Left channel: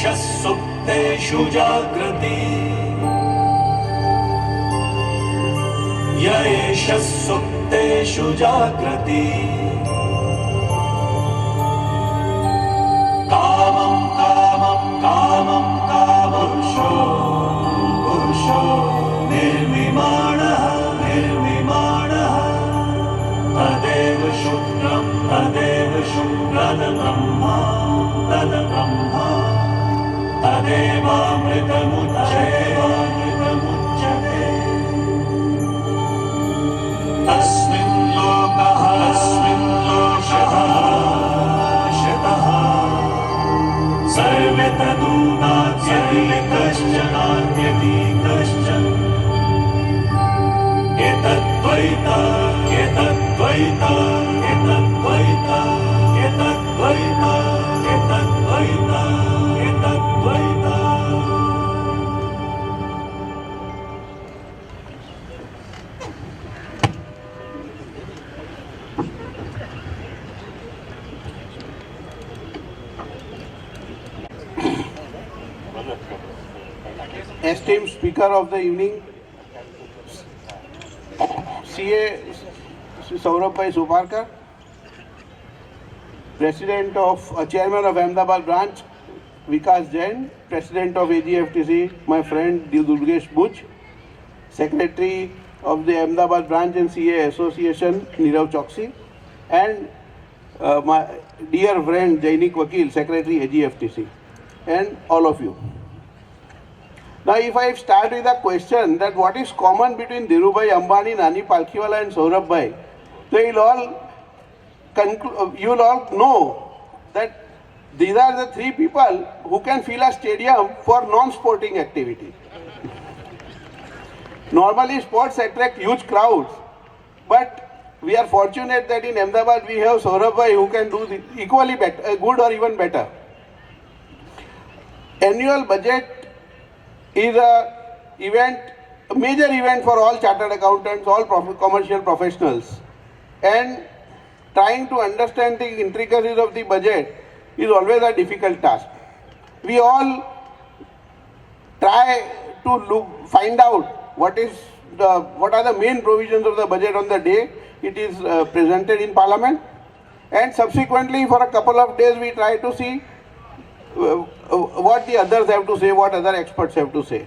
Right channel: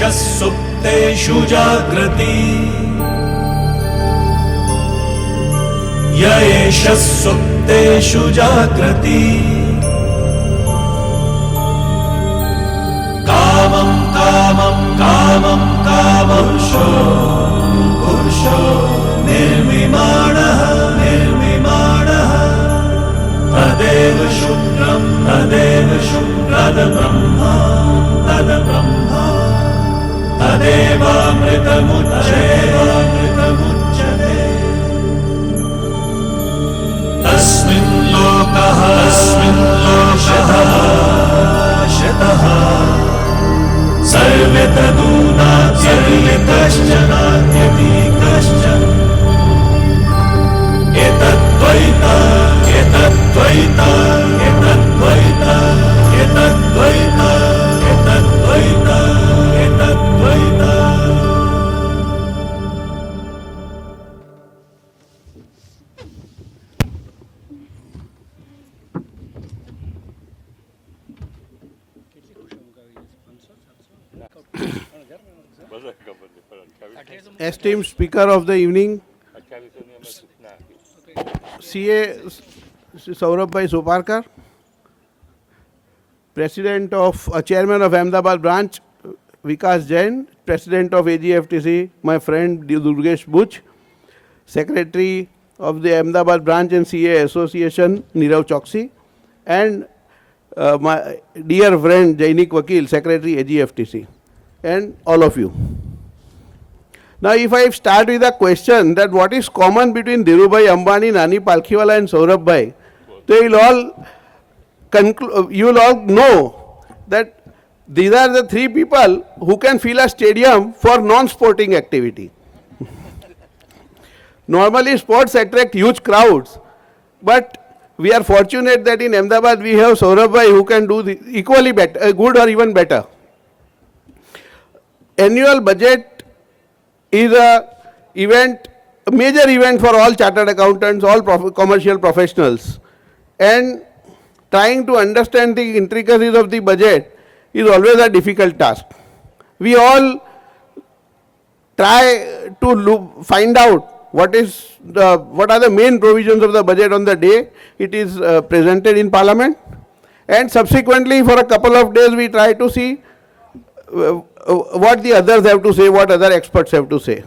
सुप्तेषु जागृति य एष सुप्तेषु जागृति कामं कामं कामं कामपुरुषो पुरुषो निर्मिमाणः निर्मिमाणः तदेव शुक्रं तद्ब्रह्मा तद्ब्रह्मा तदेवामृतमुच्यते तस्मिन् लोकः शतः सर्वे तदूनात्यपि कश्चन एतद्द्वैता एतद्द्वैता एतद्द्वैता एतद्द्वैता एतद्द्वैता एतद्द्वैता. Esteemed Speaker of the evening, CA Saurabh Suparkar, President of Chairman of Ahmedabad branch, Vikas Jain, President of AGFTC, my friend Durgesh Buch, Secretary of the Ahmedabad branch and CA Association, Nirav Choksi, and my dear friend Jainik Vakil, Secretary AGFTC, and all of you. Now, if I start with a question that what is common between Dhirubhai Ambani, Nani Palkhiwala and Saurabh Bhai, they will all you will all know that these are the three people who can fill a stadium for non-sporting activity. Normally sports attract huge crowds, but we are fortunate that in Ahmedabad we have Saurabh Bhai who can do equally better, good or even better. Annual budget is a major event for all chartered accountants, all commercial professionals, and trying to understand the intricacies of the budget is always a difficult task. We all try to find out what are the main provisions of the budget on the day it is presented in Parliament, and subsequently for a couple of days we try to see what the others have to say, what other experts have to say.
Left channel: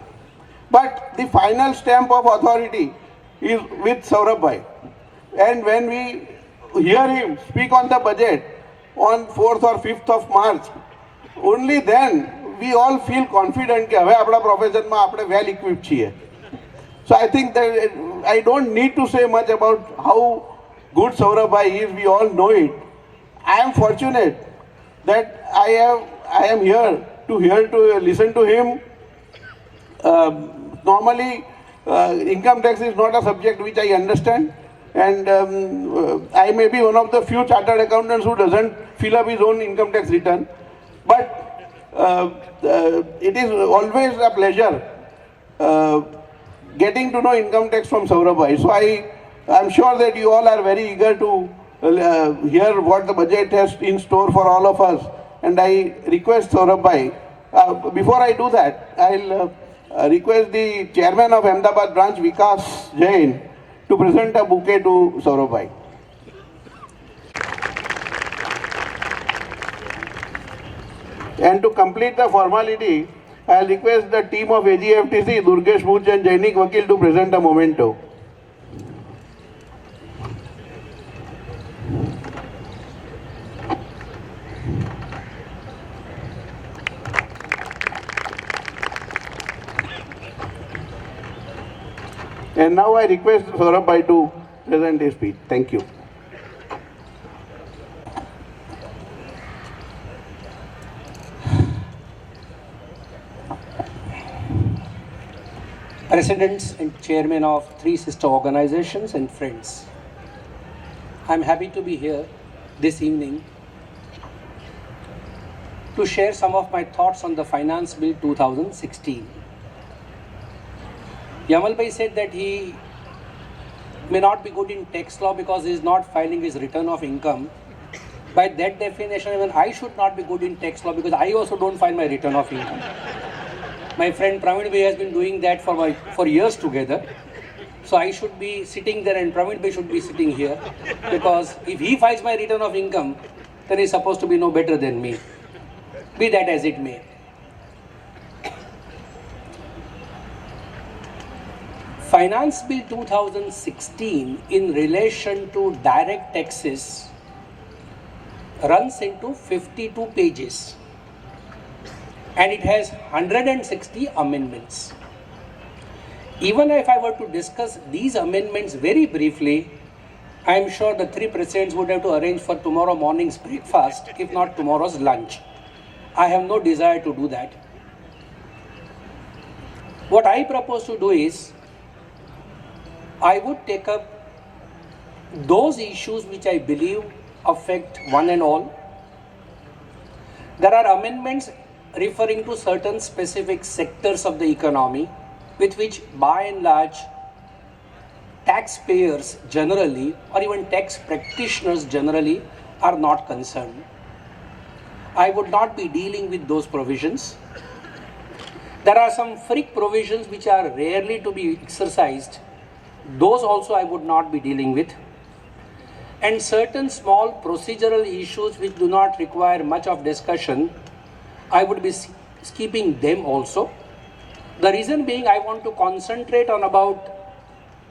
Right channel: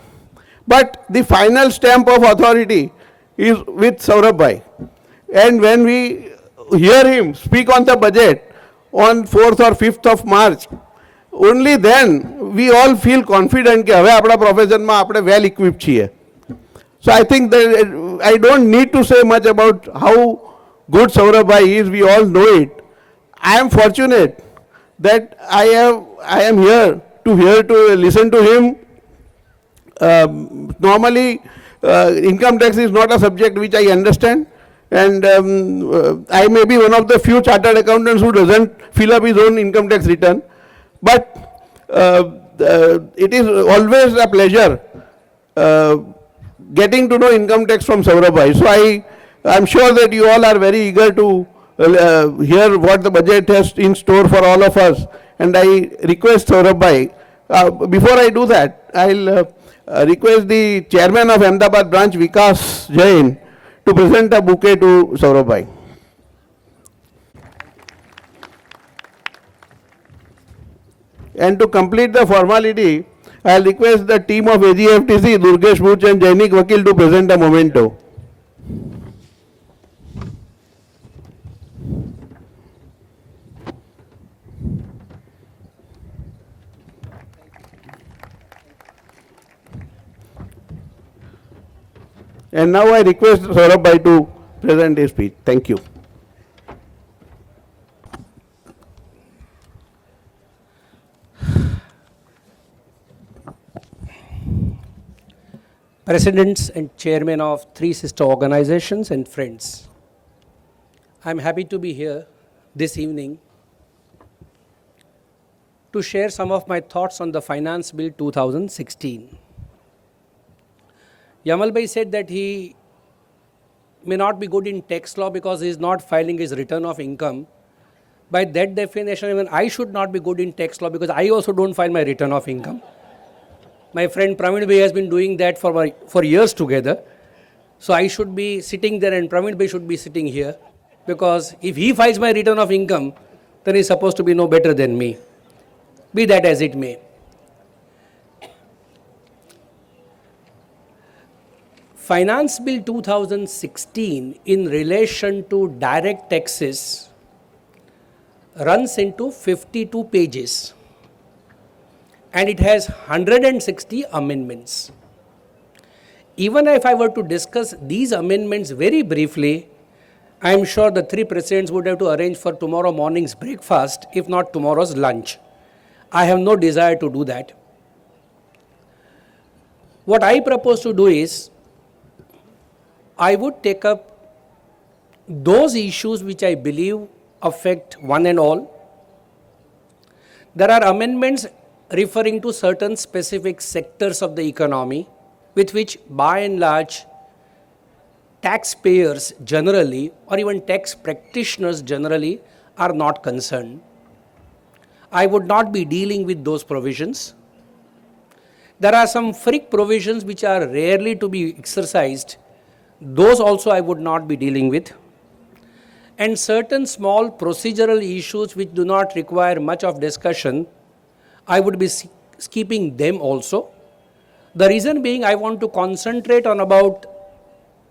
But the final stamp of authority is with Saurabh Bhai. And when we hear him speak on the budget on 4th or 5th of March, only then we all feel confident that હવે આપણા પ્રોફેશનમાં આપણે well equipped છીએ. So I think that I don't need to say much about how good Saurabh Bhai is, we all know it. I am fortunate that I am here to listen to him. Normally, income tax is not a subject which I understand, and I may be one of the few chartered accountants who doesn't fill up his own income tax return. But it is always a pleasure getting to know income tax from Saurabh Bhai. So I am sure that you all are very eager to hear what the budget has in store for all of us. And I request Saurabh Bhai, before I do that, I'll request the chairman of Ahmedabad branch, Vikas Jain, to present a bouquet to Saurabh Bhai. And to complete the formality, I'll request the team of AGFTC, Durgesh Buch and Jainik Vakil to present a memento. And now I request Saurabh Bhai to present his speech. Thank you. Presidents and chairmen of three sister organizations and friends, I am happy to be here this evening to share some of my thoughts on the Finance Bill 2016. Yamal Bhai said that he may not be good in tax law because he is not filing his return of income. By that definition, even I should not be good in tax law because I also don't file my return of income. My friend Praveen Bhai has been doing that for years together. So I should be sitting there and Praveen Bhai should be sitting here, because if he files my return of income, then he's supposed to be no better than me. Be that as it may. Finance Bill 2016 in relation to direct taxes runs into 52 pages and it has 160 amendments. Even if I were to discuss these amendments very briefly, I am sure the three presidents would have to arrange for tomorrow morning's breakfast, if not tomorrow's lunch. I have no desire to do that. What I propose to do is, I would take up those issues which I believe affect one and all. There are amendments referring to certain specific sectors of the economy with which by and large taxpayers generally or even tax practitioners generally are not concerned. I would not be dealing with those provisions. There are some freak provisions which are rarely to be exercised. Those also I would not be dealing with. And certain small procedural issues which do not require much of discussion, I would be skipping them also. The reason being, I want to concentrate on about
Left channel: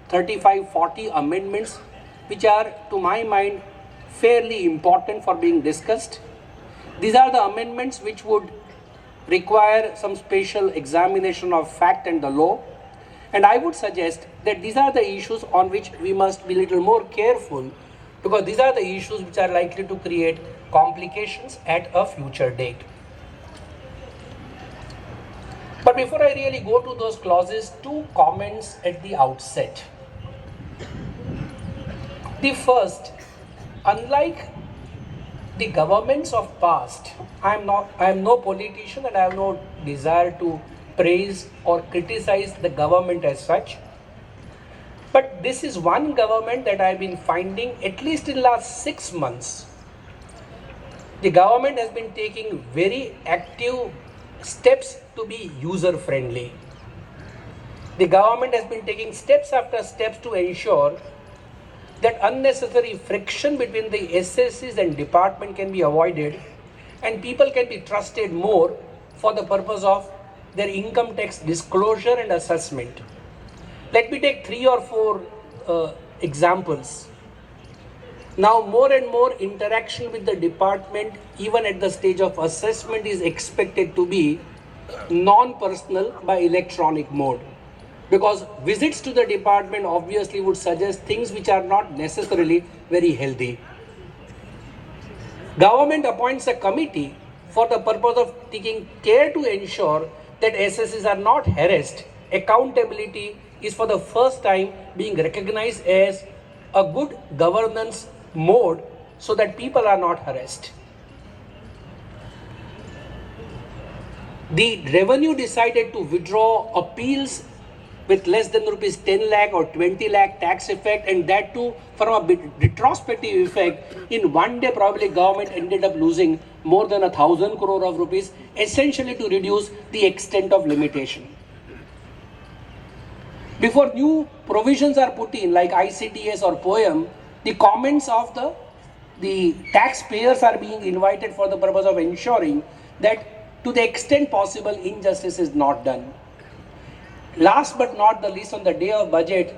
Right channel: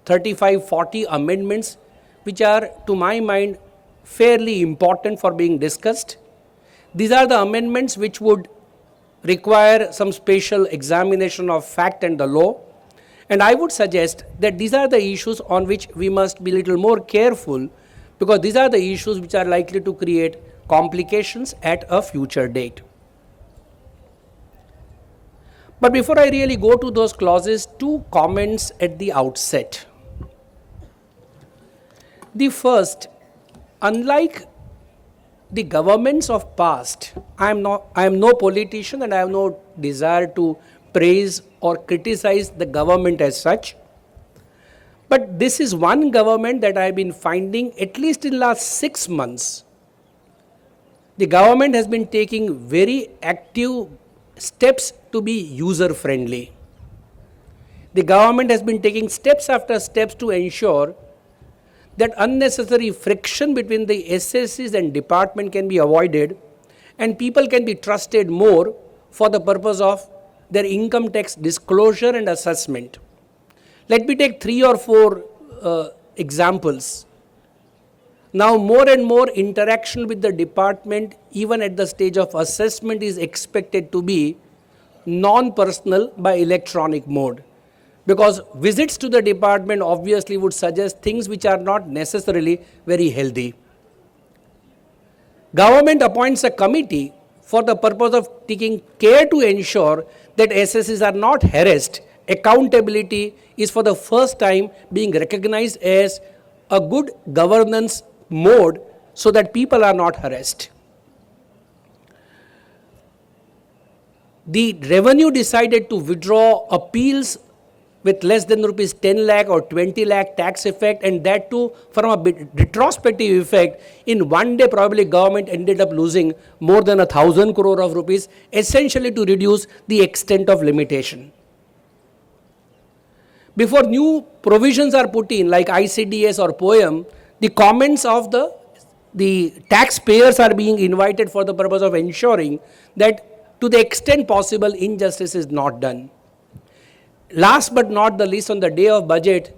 35-40 amendments which are to my mind fairly important for being discussed. These are the amendments which would require some special examination of fact and the law. And I would suggest that these are the issues on which we must be a little more careful, because these are the issues which are likely to create complications at a future date. But before I really go to those clauses, two comments at the outset. The first, unlike the governments of past, I am no politician and I have no desire to praise or criticize the government as such. But this is one government that I have been finding, at least in the last 6 months, the government has been taking very active steps to be user friendly. The government has been taking steps after steps to ensure that unnecessary friction between the SSCs and department can be avoided and people can be trusted more for the purpose of their income tax disclosure and assessment. Let me take 3 or 4 examples. Now more and more interaction with the department, even at the stage of assessment, is expected to be non-personal by electronic mode, because visits to the department obviously would suggest things which are not necessarily very healthy. Government appoints a committee for the purpose of taking care to ensure that SSCs are not harassed. Accountability is for the first time being recognized as a good governance mode so that people are not harassed. The revenue decided to withdraw appeals with less than rupees 10 lakh or 20 lakh tax effect, and that too from a retrospective effect. In one day probably government ended up losing more than 1,000 crore of rupees, essentially to reduce the extent of limitation. Before new provisions are put in like ICDS or POEM, the comments of the taxpayers are being invited for the purpose of ensuring that to the extent possible injustice is not done. Last but not the least, on the day of budget,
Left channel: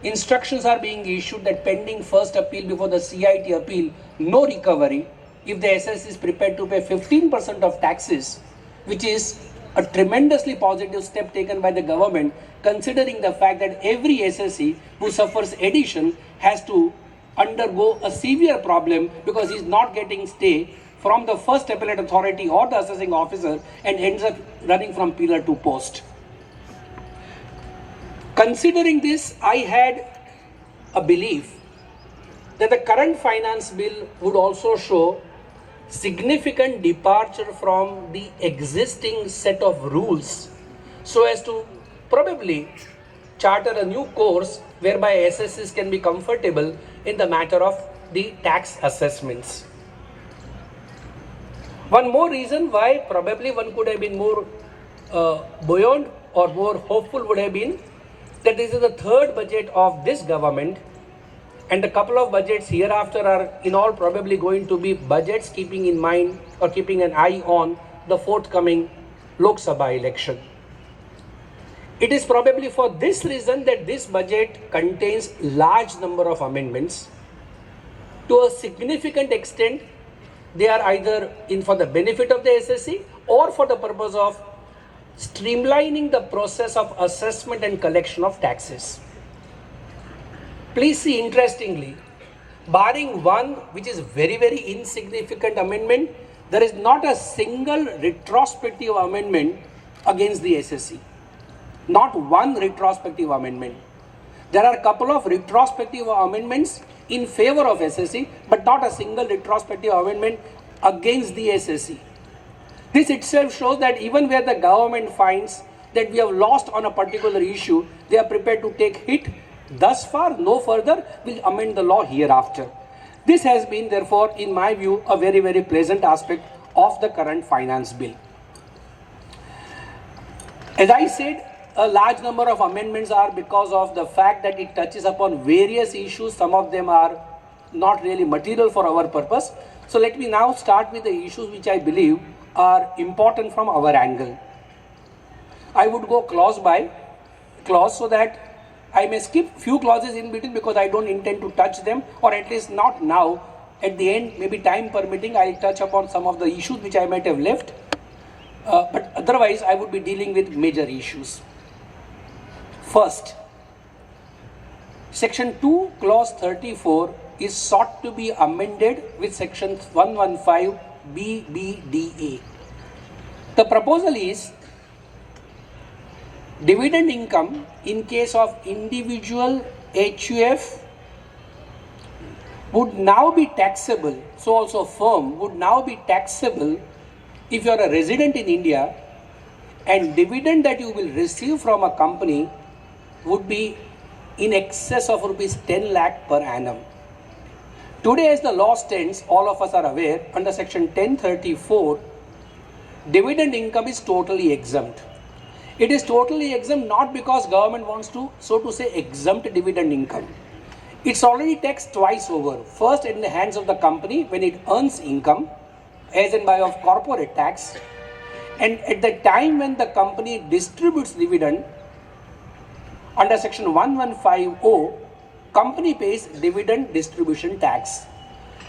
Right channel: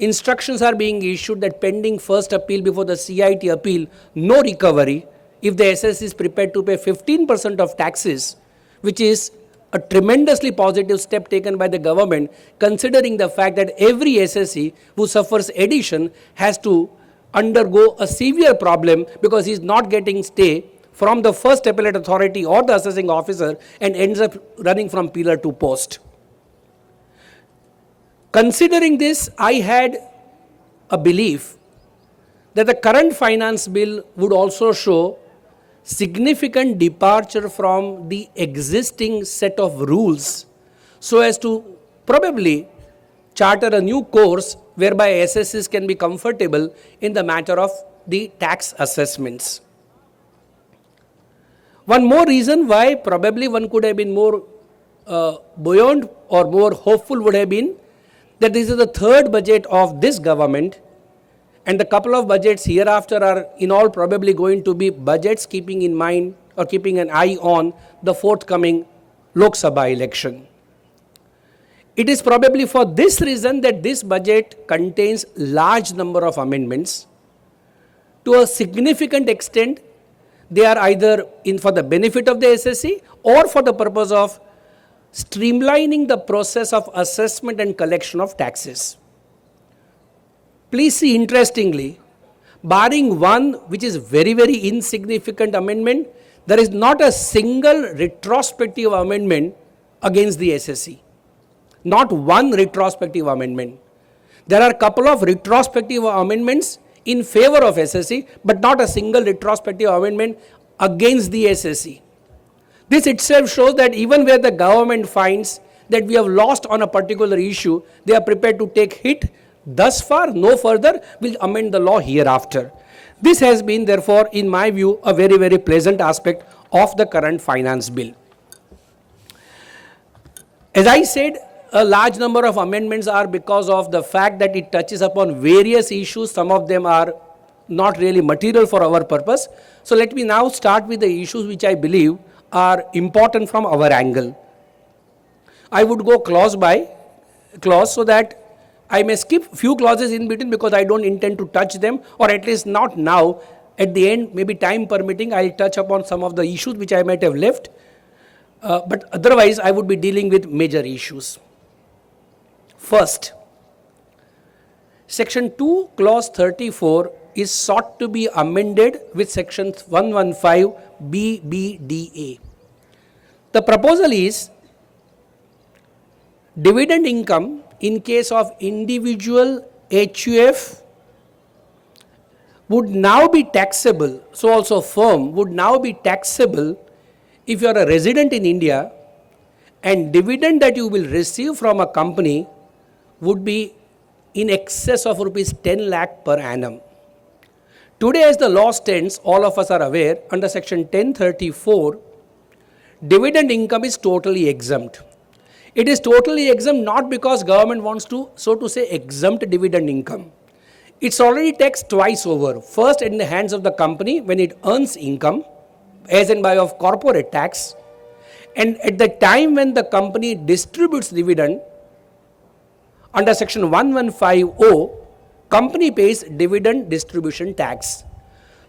instructions are being issued that pending first appeal before the CIT appeal, no recovery if the SSC is prepared to pay 15% of taxes, which is a tremendously positive step taken by the government, considering the fact that every SSC who suffers addition has to undergo a severe problem because he is not getting stay from the first appellate authority or the assessing officer and ends up running from pillar to post. Considering this, I had a belief that the current finance bill would also show significant departure from the existing set of rules so as to probably charter a new course whereby SSCs can be comfortable in the matter of the tax assessments. One more reason why probably one could have been more buoyant or more hopeful would have been that this is the third budget of this government, and the couple of budgets hereafter are in all probably going to be budgets keeping in mind or keeping an eye on the forthcoming Lok Sabha election. It is probably for this reason that this budget contains large number of amendments. To a significant extent, they are either in for the benefit of the SSC or for the purpose of streamlining the process of assessment and collection of taxes. Please see, interestingly, barring one which is very insignificant amendment, there is not a single retrospective amendment against the SSC. Not one retrospective amendment. There are a couple of retrospective amendments in favor of SSC, but not a single retrospective amendment against the SSC. This itself shows that even where the government finds that we have lost on a particular issue, they are prepared to take hit. Thus far, no further, will amend the law hereafter. This has been, therefore, in my view, a very pleasant aspect of the current finance bill. As I said, a large number of amendments are because of the fact that it touches upon various issues. Some of them are not really material for our purpose. So let me now start with the issues which I believe are important from our angle. I would go clause by clause so that I may skip few clauses in between because I don't intend to touch them, or at least not now. At the end, maybe time permitting, I'll touch upon some of the issues which I might have left. But otherwise, I would be dealing with major issues. First, Section 2, Clause 34 is sought to be amended with Section 115 BBDA. The proposal is dividend income in case of individual HUF would now be taxable, so also firm would now be taxable if you are a resident in India, and dividend that you will receive from a company would be in excess of rupees 10 lakh per annum. Today, as the law stands, all of us are aware, under Section 1034, dividend income is totally exempt. It is totally exempt not because government wants to, so to say, exempt dividend income. It's already taxed twice over. First, in the hands of the company when it earns income, as in by of corporate tax, and at the time when the company distributes dividend, under Section 115O, company pays dividend distribution tax.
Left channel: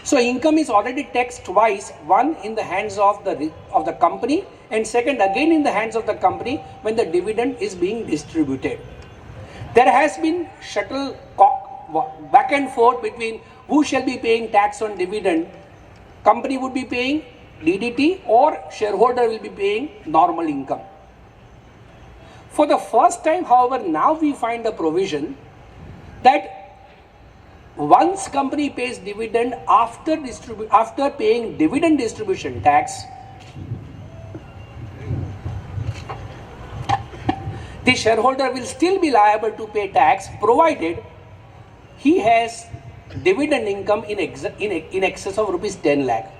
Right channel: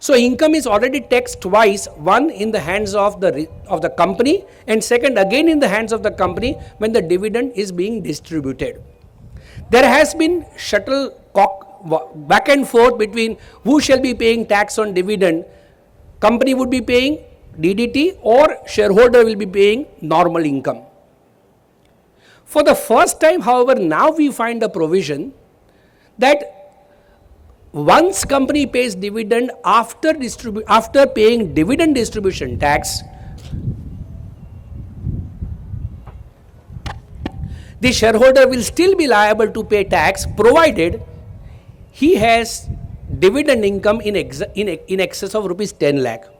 So income is already taxed twice, one in the hands of the company, and second again in the hands of the company when the dividend is being distributed. There has been shuttlecock back and forth between who shall be paying tax on dividend. Company would be paying DDT or shareholder will be paying normal income. For the first time, however, now we find the provision that once company pays dividend after paying dividend distribution tax, the shareholder will still be liable to pay tax provided he has dividend income in excess of rupees 10 lakh.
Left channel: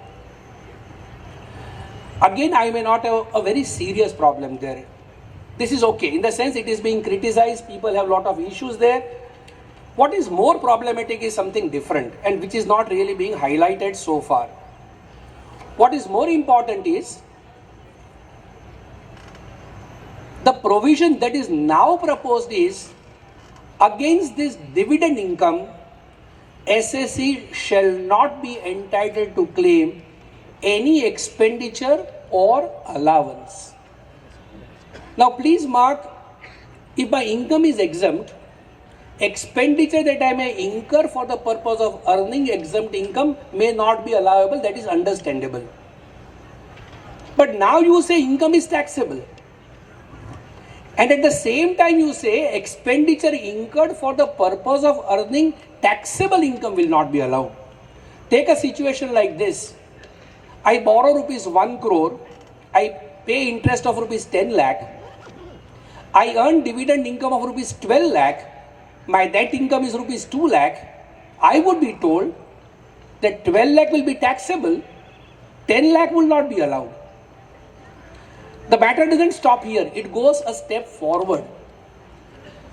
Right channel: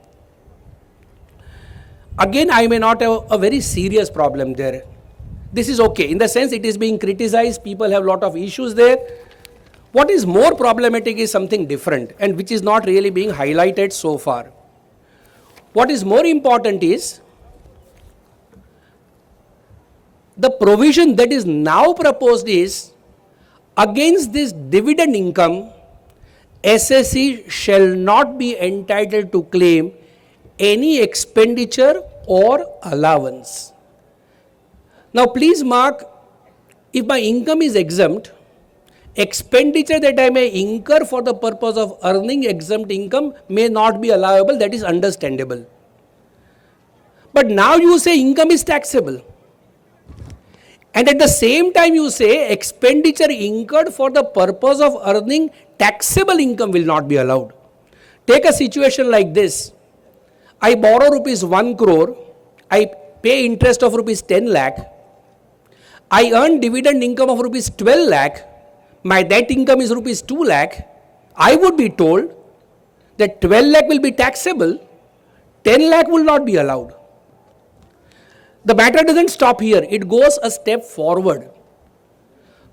Again, I may not have a very serious problem there. This is okay. In the sense it is being criticized, people have a lot of issues there. What is more problematic is something different and which is not really being highlighted so far. What is more important is the provision that is now proposed is against this dividend income, SSC shall not be entitled to claim any expenditure or allowance. Now please mark, if my income is exempt, expenditure that I may incur for the purpose of earning exempt income may not be allowable, that is understandable. But now you say income is taxable. And at the same time you say expenditure incurred for the purpose of earning taxable income will not be allowed. Take a situation like this. I borrow rupees 1 crore, I pay interest of rupees 10 lakh, I earn dividend income of rupees 12 lakh, my net income is rupees 2 lakh, I would be told that 12 lakh will be taxable, 10 lakh will not be allowed. The matter doesn't stop here. It goes a step forward.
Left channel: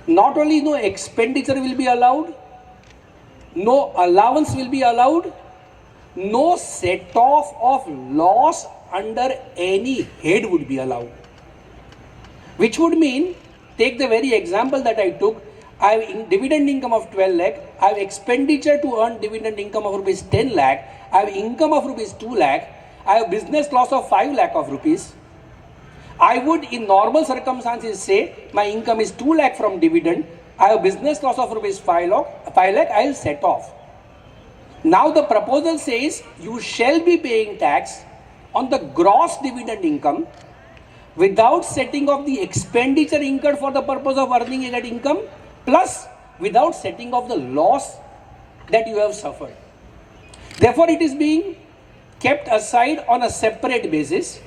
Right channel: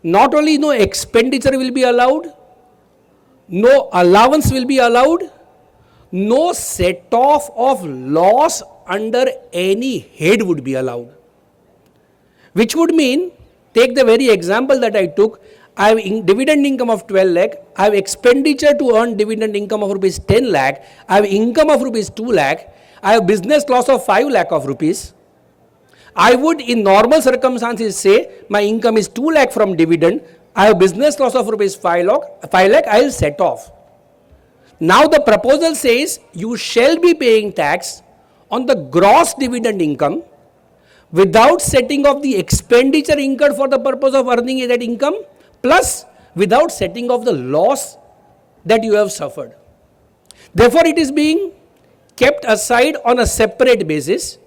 Not only no expenditure will be allowed, no allowance will be allowed, no set off of loss under any head would be allowed. Which would mean, take the very example that I took, I have dividend income of 12 lakh, I have expenditure to earn dividend income of rupees 10 lakh, I have income of rupees 2 lakh, I have business loss of 5 lakh of rupees. I would in normal circumstances say my income is 2 lakh from dividend, I have business loss of rupees 5 lakh, I will set off. Now the proposal says you shall be paying tax on the gross dividend income without setting off the expenditure incurred for the purpose of earning that income, plus without setting off the loss that you have suffered. Therefore, it is being kept aside on a separate basis,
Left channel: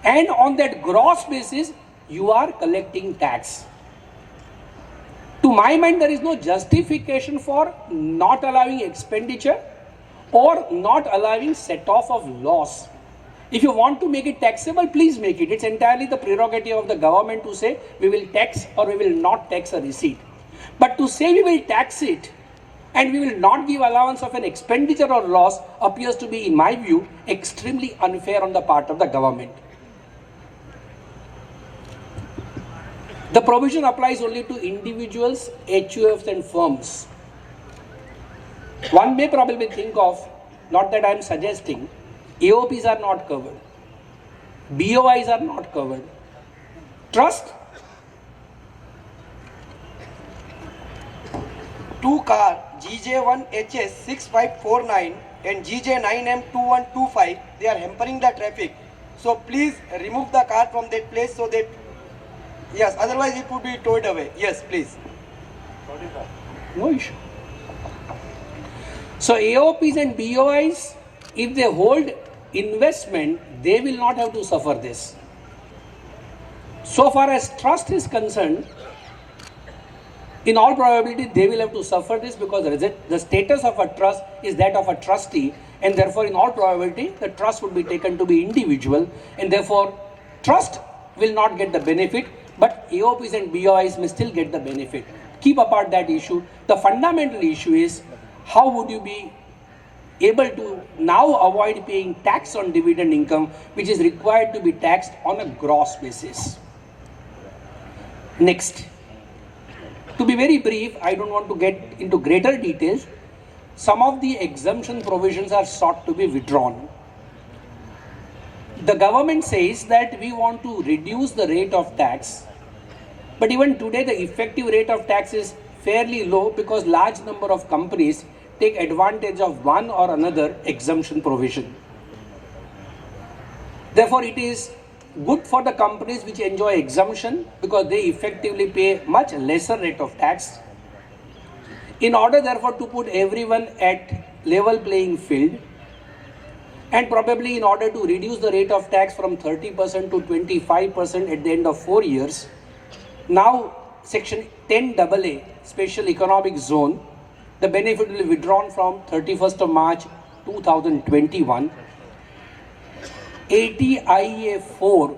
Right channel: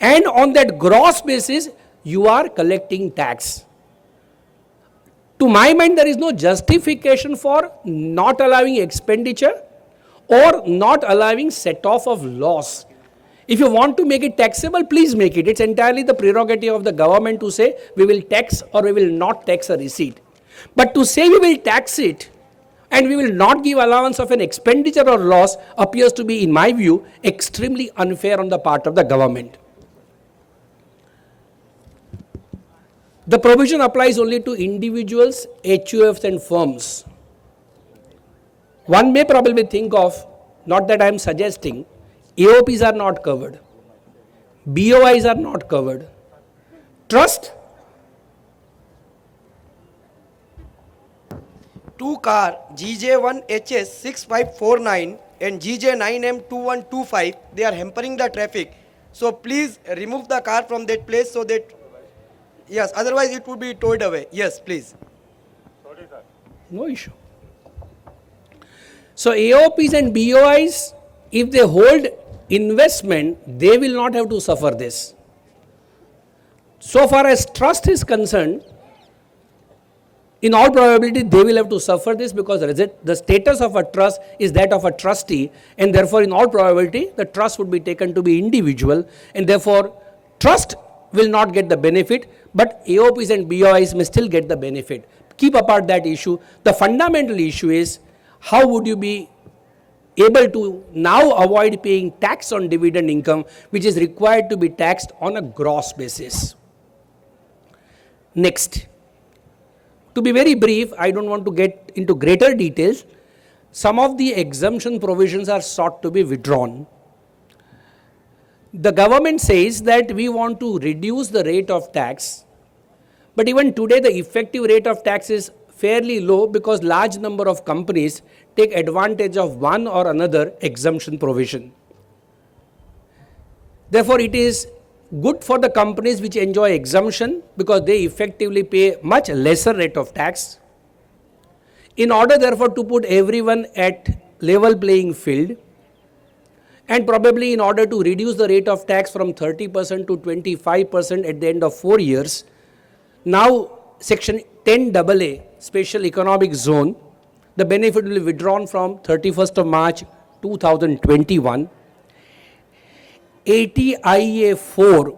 and on that gross basis you are collecting tax. To my mind, there is no justification for not allowing expenditure or not allowing set off of loss. If you want to make it taxable, please make it. It's entirely the prerogative of the government to say we will tax or we will not tax a receipt. But to say we will tax it and we will not give allowance of an expenditure or loss appears to be, in my view, extremely unfair on the part of the government. The provision applies only to individuals, HUFs and firms. One may probably think of, not that I am suggesting, AOPs are not covered, BOIs are not covered, trust, 2 car GJ1HS6549 and GJ9M2125, they are hampering the traffic. So please remove the car from that place so that, yes, otherwise it would be towed away. Yes, please. no issue. So AOPs and BOIs, if they hold investment, they will not have to suffer this. So far as trust is concerned, in all probability they will have to suffer this, because the status of a trust is that of a trustee, and therefore in all probability the trust would be taken to be individual, and therefore trust will not get the benefit, but AOPs and BOIs may still get the benefit. Keep apart that issue. The fundamental issue is, how would you be able to now avoid paying tax on dividend income, which is required to be taxed on a gross basis. Next, to be very brief, I don't want to get into greater details. Some of the exemption provisions are sought to be withdrawn. The government says that we want to reduce the rate of tax, but even today the effective rate of tax is fairly low, because large number of companies take advantage of one or another exemption provision. Therefore, it is good for the companies which enjoy exemption, because they effectively pay much lesser rate of tax. In order therefore to put everyone at level playing field, and probably in order to reduce the rate of tax from 30% to 25% at the end of 4 years, now section 10AA, special economic zone, the benefit will be withdrawn from 31st of March 2021. 80IA 4,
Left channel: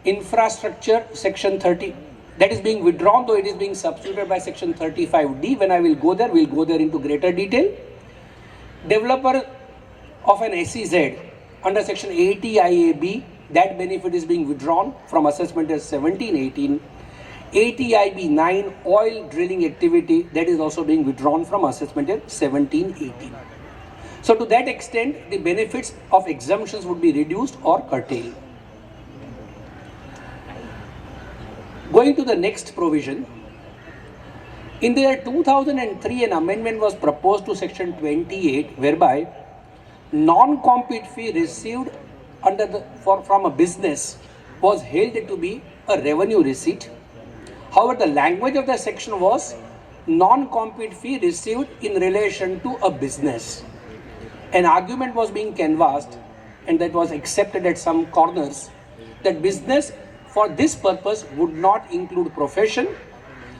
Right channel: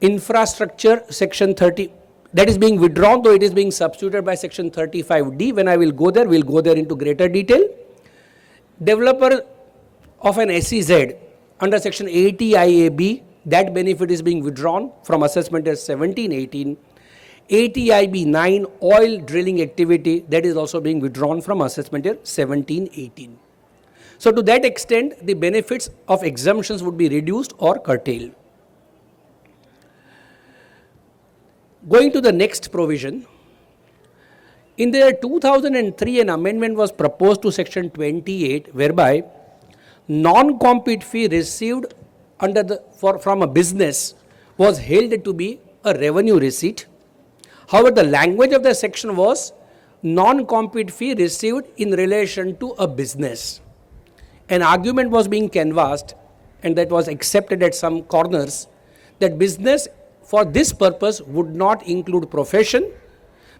infrastructure, section 30, that is being withdrawn, though it is being substituted by section 35D. When I will go there, we'll go there into greater detail. Developer of an SEZ under section 80IAB, that benefit is being withdrawn from assessment as 1718. 80IB 9, oil drilling activity, that is also being withdrawn from assessment as 1718. So to that extent, the benefits of exemptions would be reduced or curtailed. Going to the next provision, in the year 2003, an amendment was proposed to section 28, whereby non-compete fee received from a business was held to be a revenue receipt. However, the language of the section was non-compete fee received in relation to a business. An argument was being canvassed, and that was accepted at some corners, that business for this purpose would not include profession,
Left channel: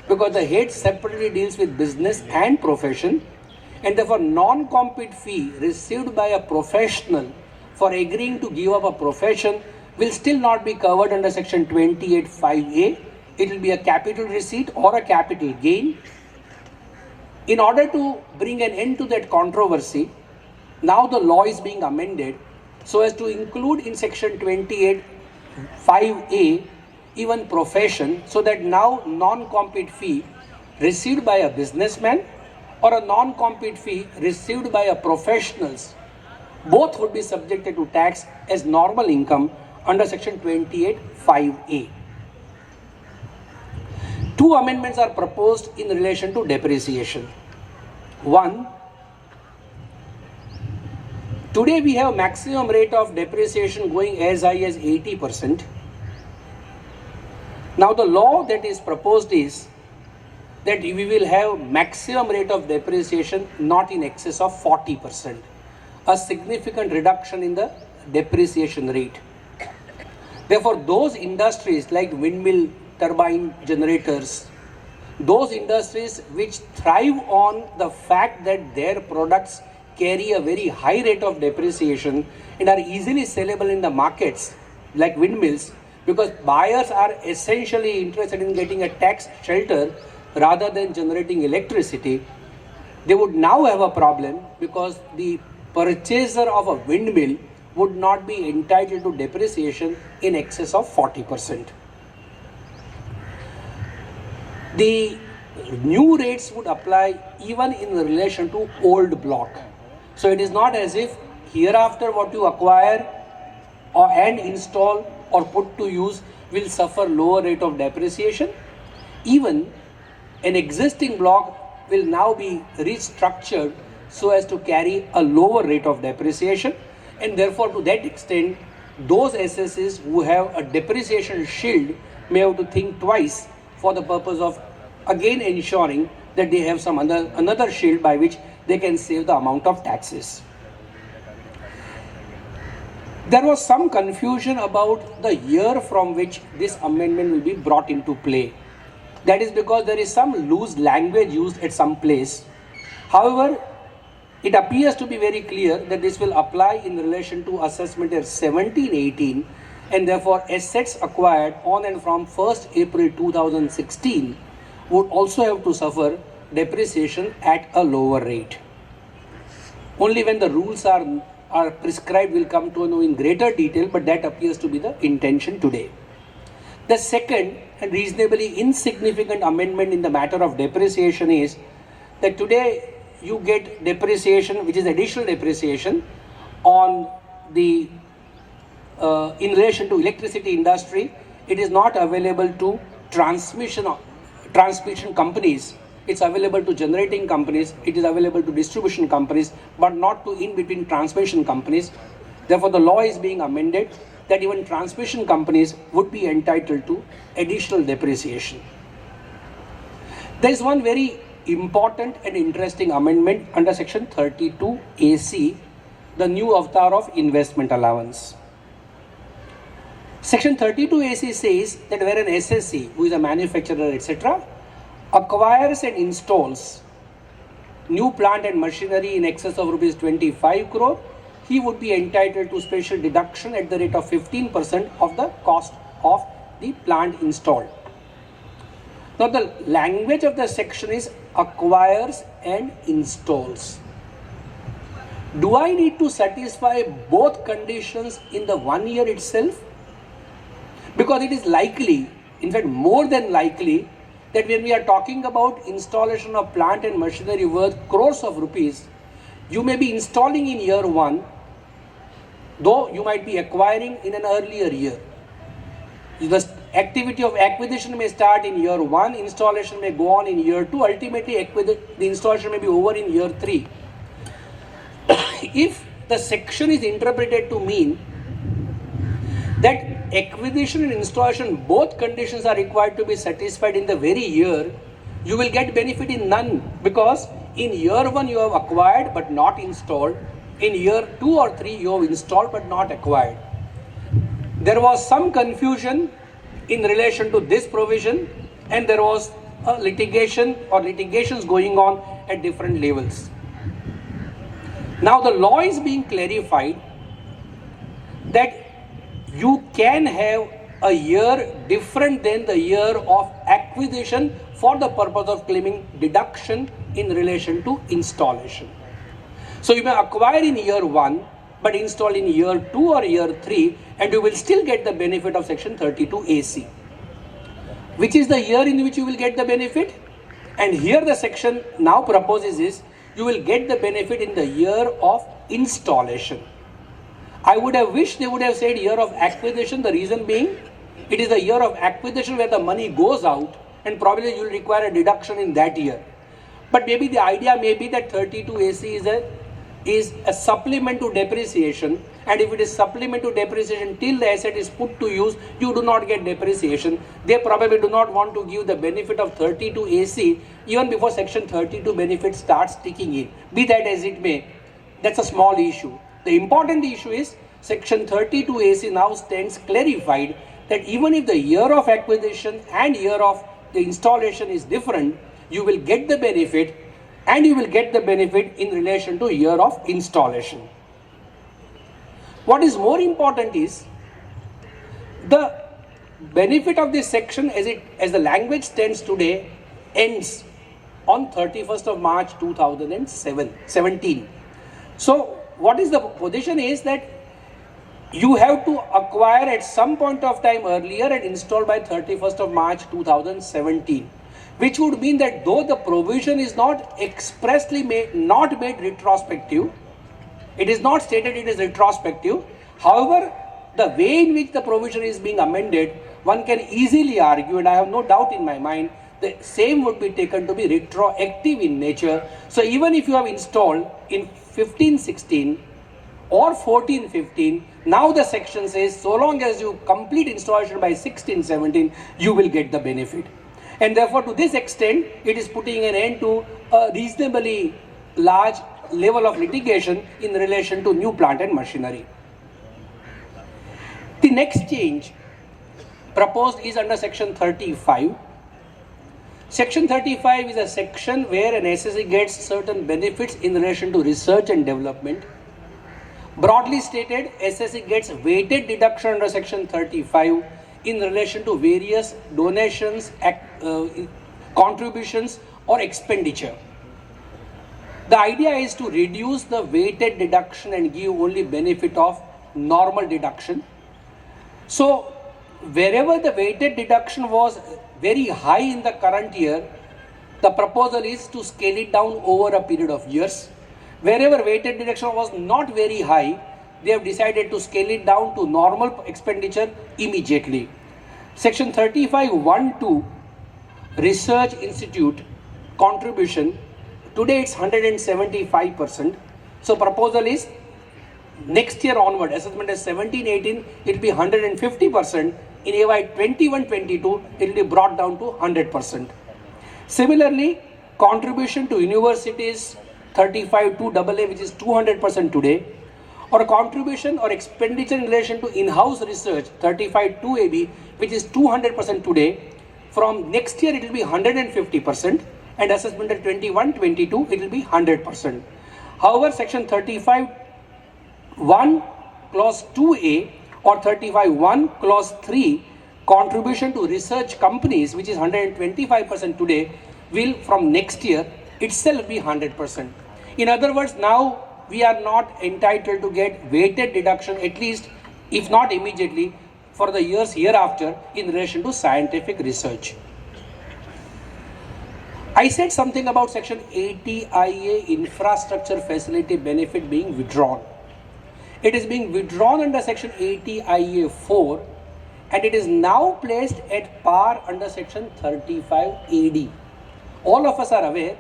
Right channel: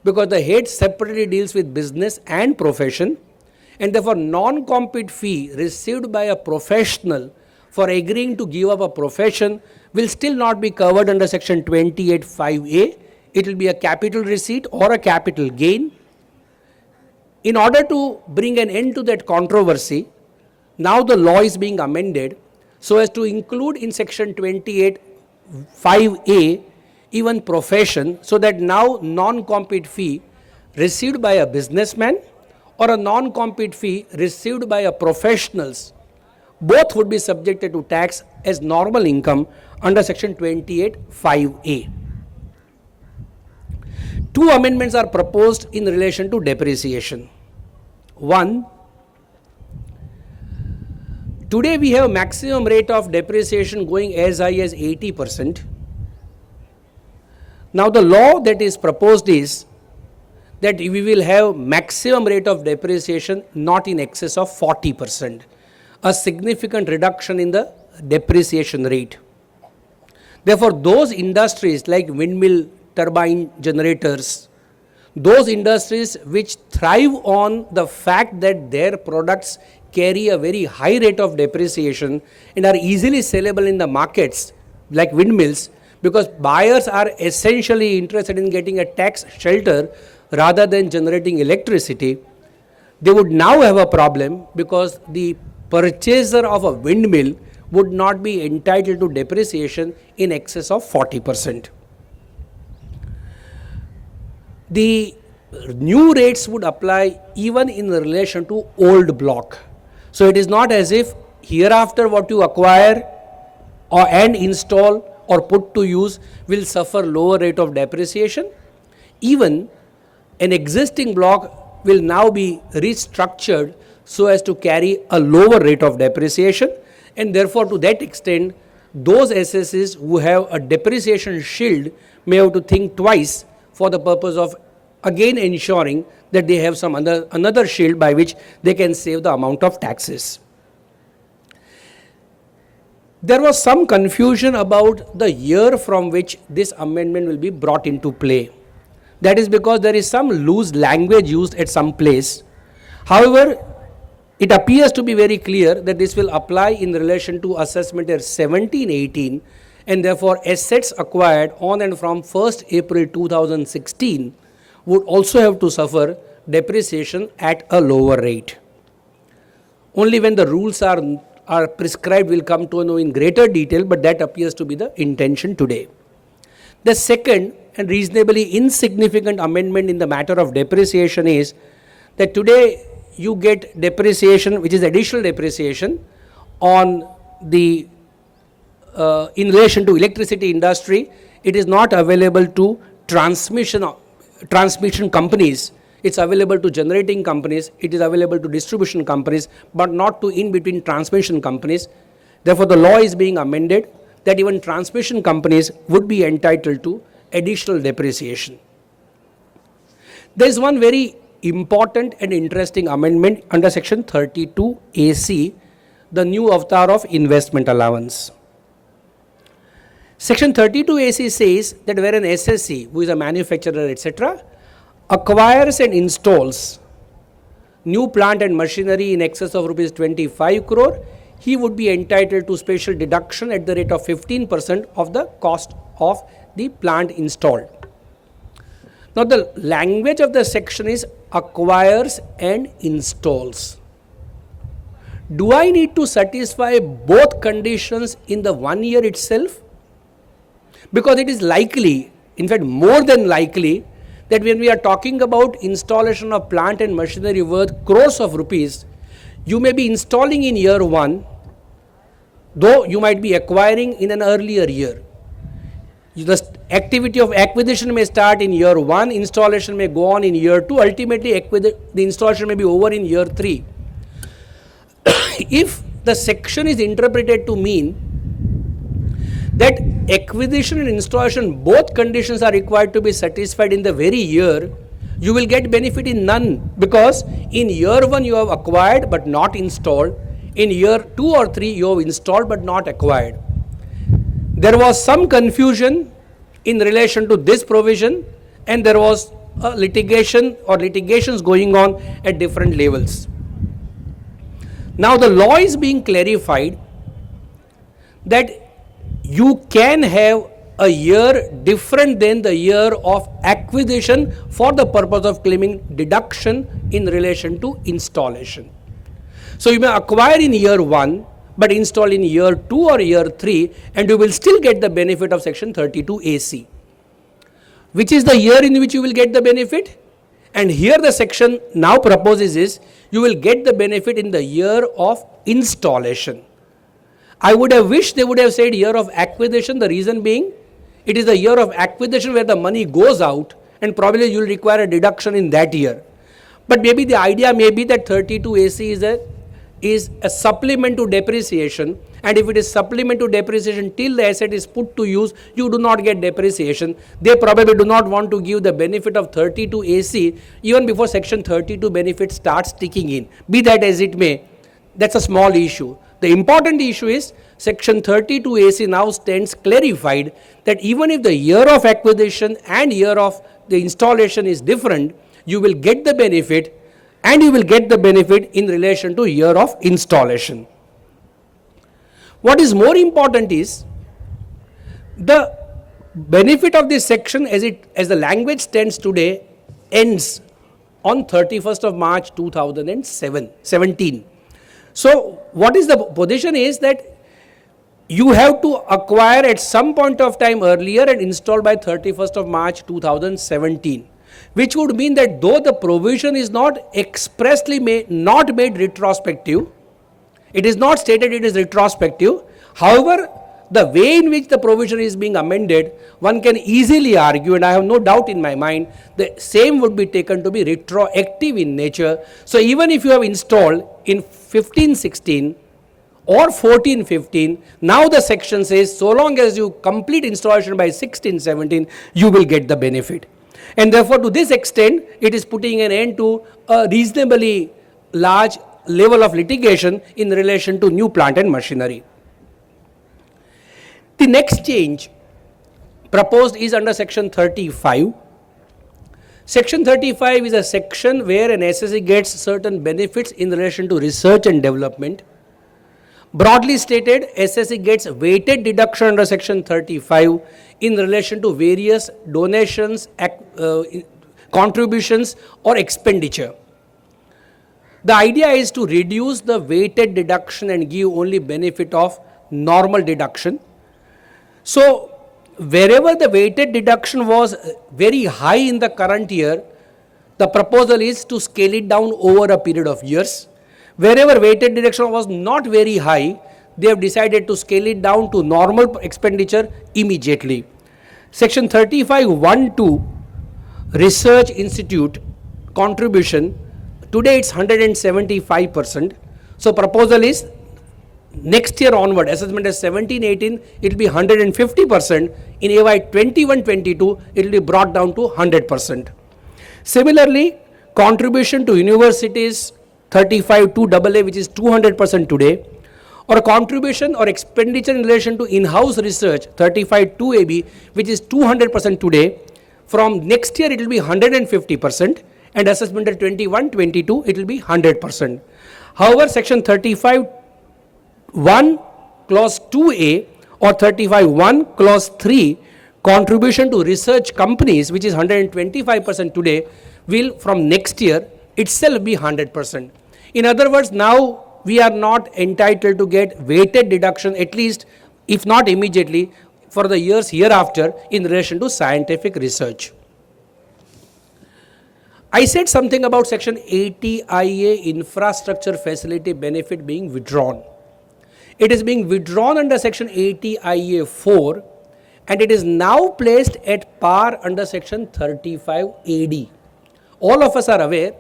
because the head separately deals with business and profession, and therefore non-compete fee received by a professional for agreeing to give up a profession will still not be covered under section 28(5)(a). It will be a capital receipt or a capital gain. In order to bring an end to that controversy, now the law is being amended so as to include in section 28(5)(a) even profession, so that now non-compete fee received by a businessman or a non-compete fee received by a professionals, both would be subjected to tax as normal income under section 28(5)(a). Two amendments are proposed in relation to depreciation. One, today we have maximum rate of depreciation going as high as 80%. Now the law that is proposed is that we will have maximum rate of depreciation not in excess of 40%, a significant reduction in the depreciation rate. Therefore, those industries like windmill turbine generators, those industries which thrive on the fact that their products carry a very high rate of depreciation and are easily sellable in the markets like windmills, because buyers are essentially interested in getting a tax shelter rather than generating electricity, they would now have a problem because the purchaser of a windmill would not be entitled to depreciation in excess of 40%. The new rates would apply even in relation to old block. So it is not as if hereafter what you acquire and install or put to use will suffer lower rate of depreciation. Even an existing block will now be restructured so as to carry a lower rate of depreciation, and therefore to that extent those SSs who have a depreciation shield may have to think twice for the purpose of again ensuring that they have some another shield by which they can save the amount of taxes. There was some confusion about the year from which this amendment will be brought into play. That is because there is some loose language used at some place. However, it appears to be very clear that this will apply in relation to assessment year 17-18, and therefore assets acquired on and from 1st April 2016 would also have to suffer depreciation at a lower rate. Only when the rules are prescribed will come to know in greater detail, but that appears to be the intention today. The second and reasonably insignificant amendment in the matter of depreciation is that today you get depreciation, which is additional depreciation on the in relation to electricity industry. It is not available to transmission companies. It's available to generating companies, it is available to distribution companies, but not to in-between transmission companies. Therefore, the law is being amended that even transmission companies would be entitled to additional depreciation. There is one very important and interesting amendment under section 32AC, the new avatar of investment allowance. Section 32AC says that where an SSC, who is a manufacturer, etc., acquires and installs new plant and machinery in excess of rupees 25 crore, he would be entitled to special deduction at the rate of 15% of the cost of the plant installed. Now the language of the section is acquires and installs. Do I need to satisfy both conditions in the 1 year itself? Because it is likely, in fact more than likely, that when we are talking about installation of plant and machinery worth crores of rupees, you may be installing in year 1, though you might be acquiring in an earlier year. The activity of acquisition may start in year 1, installation may go on in year 2, ultimately the installation may be over in year 3. If the section is interpreted to mean that acquisition and installation, both conditions are required to be satisfied in the very year, you will get benefit in none, because in year 1 you have acquired but not installed, in year 2 or 3 you have installed but not acquired. There was some confusion in relation to this provision, and there was a litigation or litigations going on at different levels. Now the law is being clarified that you can have a year different than the year of acquisition for the purpose of claiming deduction in relation to installation. So you may acquire in year 1 but install in year 2 or year 3 and you will still get the benefit of section 32 AC. Which is the year in which you will get the benefit? And here the section now proposes is you will get the benefit in the year of installation. I would have wished they would have said year of acquisition, the reason being it is the year of acquisition where the money goes out and probably you will require a deduction in that year. But maybe the idea may be that 32 AC is a supplement to depreciation, and if it is supplement to depreciation till the asset is put to use, you do not get depreciation. They probably do not want to give the benefit of 32 AC even before section 32 benefit starts ticking in. Be that as it may, that's a small issue. The important issue is section 32 AC now stands clarified that even if the year of acquisition and year of the installation is different, you will get the benefit, and you will get the benefit in relation to year of installation. What is more important is the benefit of this section as the language stands today ends on 31st of March 2017. So what is the position is that you have to acquire at some point of time earlier and install by 31st of March 2017. Which would mean that though the provision is not expressly made retrospective, it is not stated it is retrospective. However, the way in which the provision is being amended, one can easily argue, and I have no doubt in my mind, the same would be taken to be retroactive in nature. So even if you have installed in 15-16 or 14-15, now the section says so long as you complete installation by 16-17, you will get the benefit. And therefore, to this extent, it is putting an end to a reasonably large level of litigation in relation to new plant and machinery. The next change proposed is under section 35. Section 35 is a section where an SSE gets certain benefits in relation to research and development. Broadly stated, SSE gets weighted deduction under section 35 in relation to various donations, contributions or expenditure. The idea is to reduce the weighted deduction and give only benefit of normal deduction. So wherever the weighted deduction was very high in the current year, the proposal is to scale it down over a period of years. Wherever weighted deduction was not very high, they have decided to scale it down to normal expenditure immediately. Section 35(1)(2) Research Institute contribution, today it's 175%. So proposal is next year onward, assessment is 17-18, it will be 150%. In AY 21-22, it will be brought down to 100%. Similarly, contribution to universities 35(2)AA, which is 200% today, or contribution or expenditure in relation to in-house research 35(2)AB, which is 200% today, from next year it will be 150%, and assessment at 21-22 it will be 100%. However, section 35(1) clause 2A or 35(1) clause 3 contribution to research companies, which is 125% today, will from next year itself be 100%. In other words, now we are not entitled to get weighted deduction, at least if not immediately, for the years hereafter in relation to scientific research. I said something about section 80IA infrastructure facility benefit being withdrawn. It is being withdrawn under section 80IA4 and it is now placed at par under section 35AD. All of us are aware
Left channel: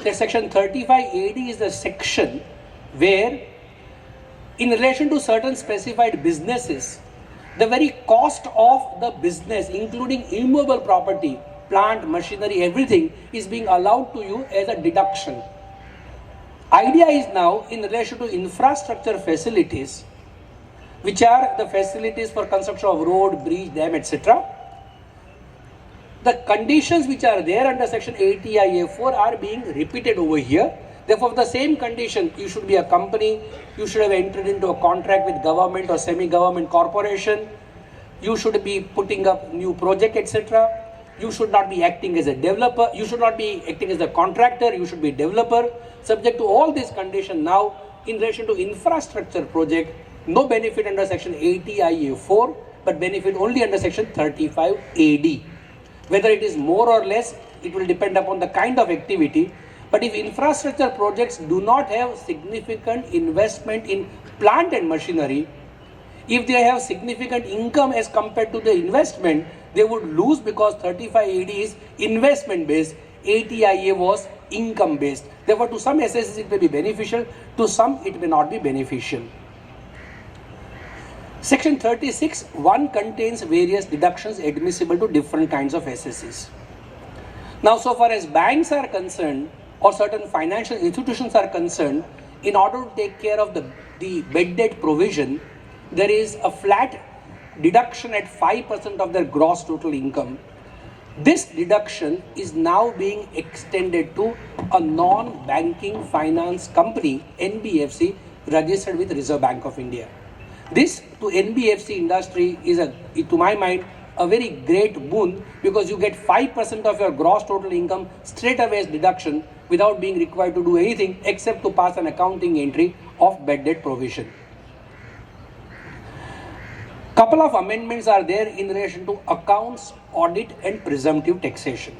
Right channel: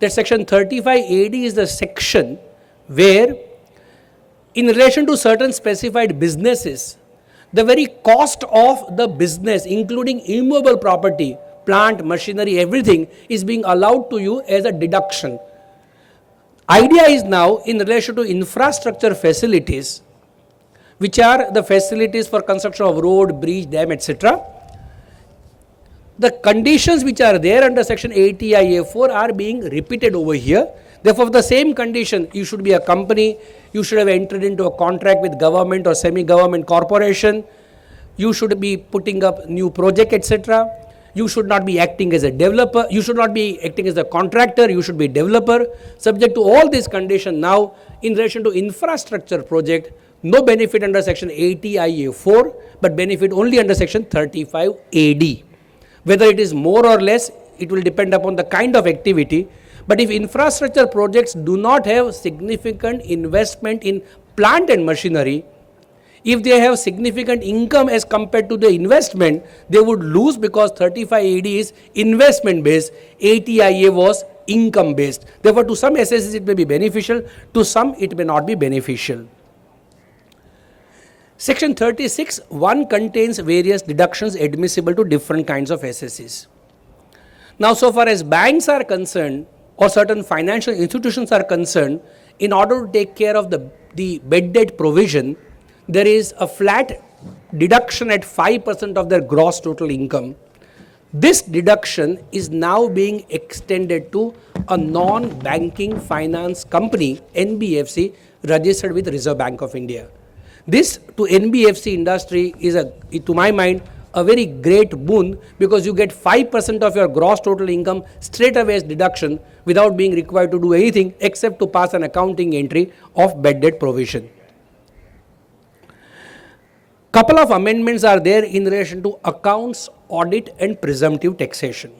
that section 35AD is the section where in relation to certain specified businesses, the very cost of the business, including immovable property, plant, machinery, everything is being allowed to you as a deduction. Idea is now in relation to infrastructure facilities, which are the facilities for construction of road, bridge, dam, etc. The conditions which are there under section 80IA4 are being repeated over here. Therefore, the same condition, you should be a company You should have entered into a contract with government or semi-government corporation. You should be putting up new project, etc. You should not be acting as a developer. You should not be acting as a contractor. You should be developer. Subject to all these conditions now, in relation to infrastructure project, no benefit under section 80 IA 4, but benefit only under section 35 AD. Whether it is more or less, it will depend upon the kind of activity. But if infrastructure projects do not have significant investment in plant and machinery, if they have significant income as compared to the investment, they would lose, because 35 AD is investment based, 80 IA was income based. Therefore, to some SSCs it may be beneficial, to some it may not be beneficial. Section 36(1) contains various deductions admissible to different kinds of SSCs. Now, so far as banks are concerned or certain financial institutions are concerned, in order to take care of the bad debt provision, there is a flat deduction at 5% of their gross total income. This deduction is now being extended to a non-banking finance company, NBFC, registered with Reserve Bank of India. This to NBFC industry is, to my mind, a very great boon, because you get 5% of your gross total income straight away as deduction without being required to do anything except to pass an accounting entry of bad debt provision. Couple of amendments are there in relation to accounts, audit and presumptive taxation.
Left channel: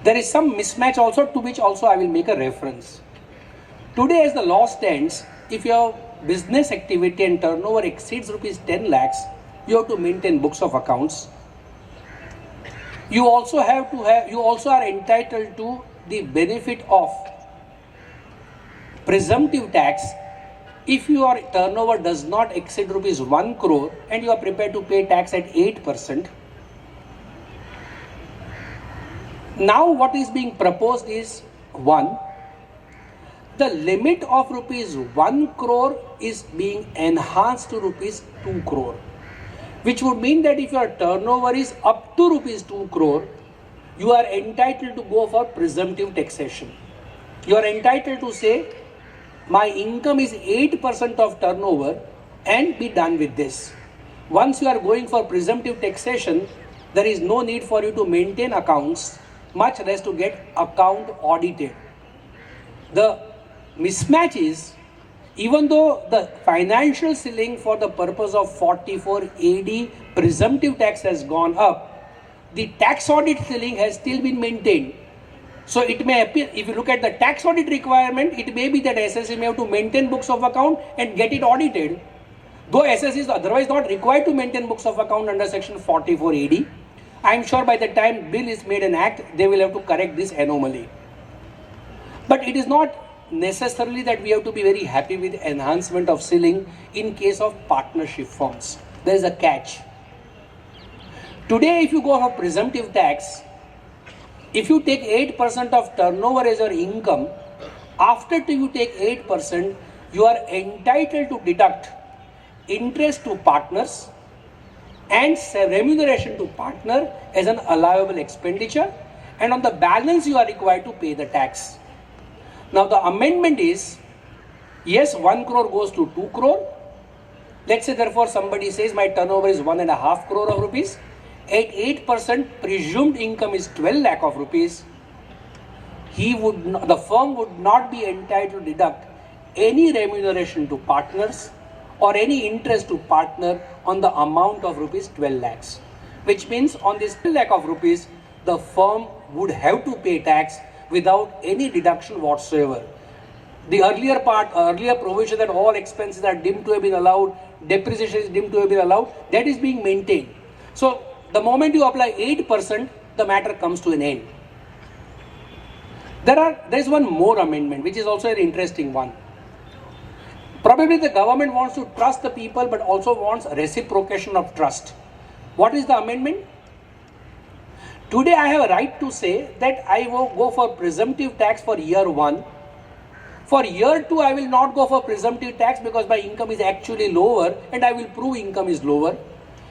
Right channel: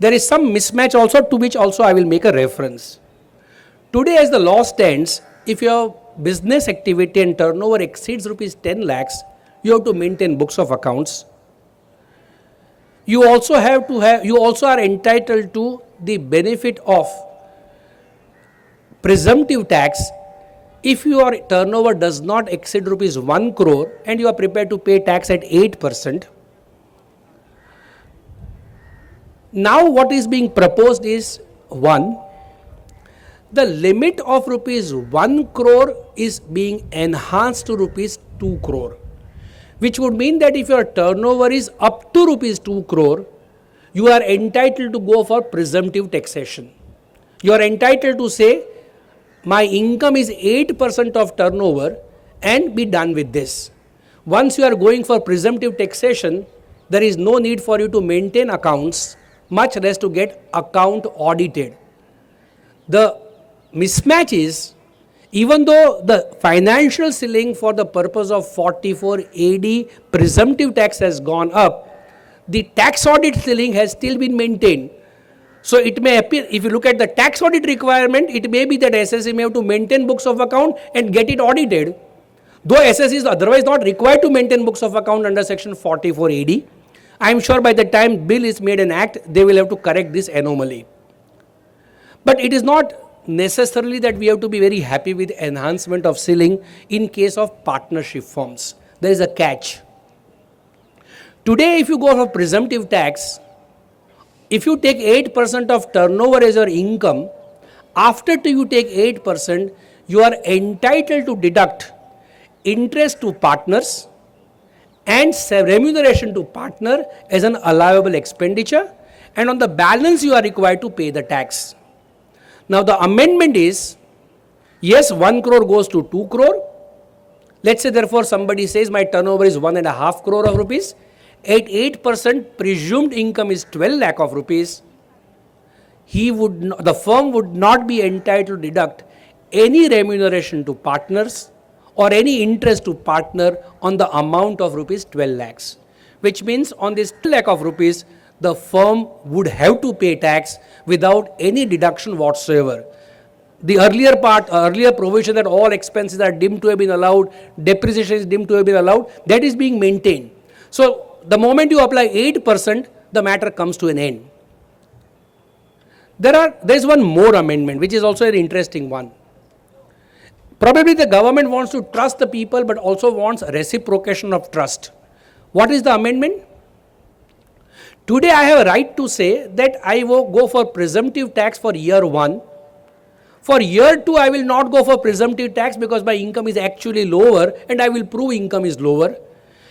There is some mismatch also, to which also I will make a reference. Today as the law stands, if your business activity and turnover exceeds rupees 10 lakhs, you have to maintain books of accounts. You also are entitled to the benefit of presumptive tax if your turnover does not exceed rupees 1 crore and you are prepared to pay tax at 8%. Now what is being proposed is, one, the limit of rupees 1 crore is being enhanced to rupees 2 crore, which would mean that if your turnover is up to rupees 2 crore, you are entitled to go for presumptive taxation. You are entitled to say, my income is 8% of turnover and be done with this. Once you are going for presumptive taxation, there is no need for you to maintain accounts, much less to get account audited. The mismatch is, even though the financial ceiling for the purpose of 44 AD presumptive tax has gone up, the tax audit ceiling has still been maintained. So it may appear, if you look at the tax audit requirement, it may be that SSC may have to maintain books of account and get it audited. Though SSC is otherwise not required to maintain books of account under section 44 AD, I am sure by the time bill is made an act, they will have to correct this anomaly. But it is not necessarily that we have to be very happy with enhancement of ceiling in case of partnership firms. There is a catch. Today if you go for presumptive tax, if you take 8% of turnover as your income, after you take 8%, you are entitled to deduct interest to partners and remuneration to partner as an allowable expenditure, and on the balance you are required to pay the tax. Now the amendment is, yes, 1 crore goes to 2 crore. Let's say therefore somebody says my turnover is 1.5 crore of rupees. At 8% presumed income is 12 lakh of rupees. The firm would not be entitled to deduct any remuneration to partners or any interest to partner on the amount of rupees 12 lakhs. Which means on this 12 lakh of rupees, the firm would have to pay tax without any deduction whatsoever. The earlier provision that all expenses are deemed to have been allowed, depreciation is deemed to have been allowed, that is being maintained. So the moment you apply 8%, the matter comes to an end. There is one more amendment which is also an interesting one. Probably the government wants to trust the people but also wants reciprocation of trust. What is the amendment? Today I have a right to say that I will go for presumptive tax for year 1. For year 2 I will not go for presumptive tax because my income is actually lower and I will prove income is lower.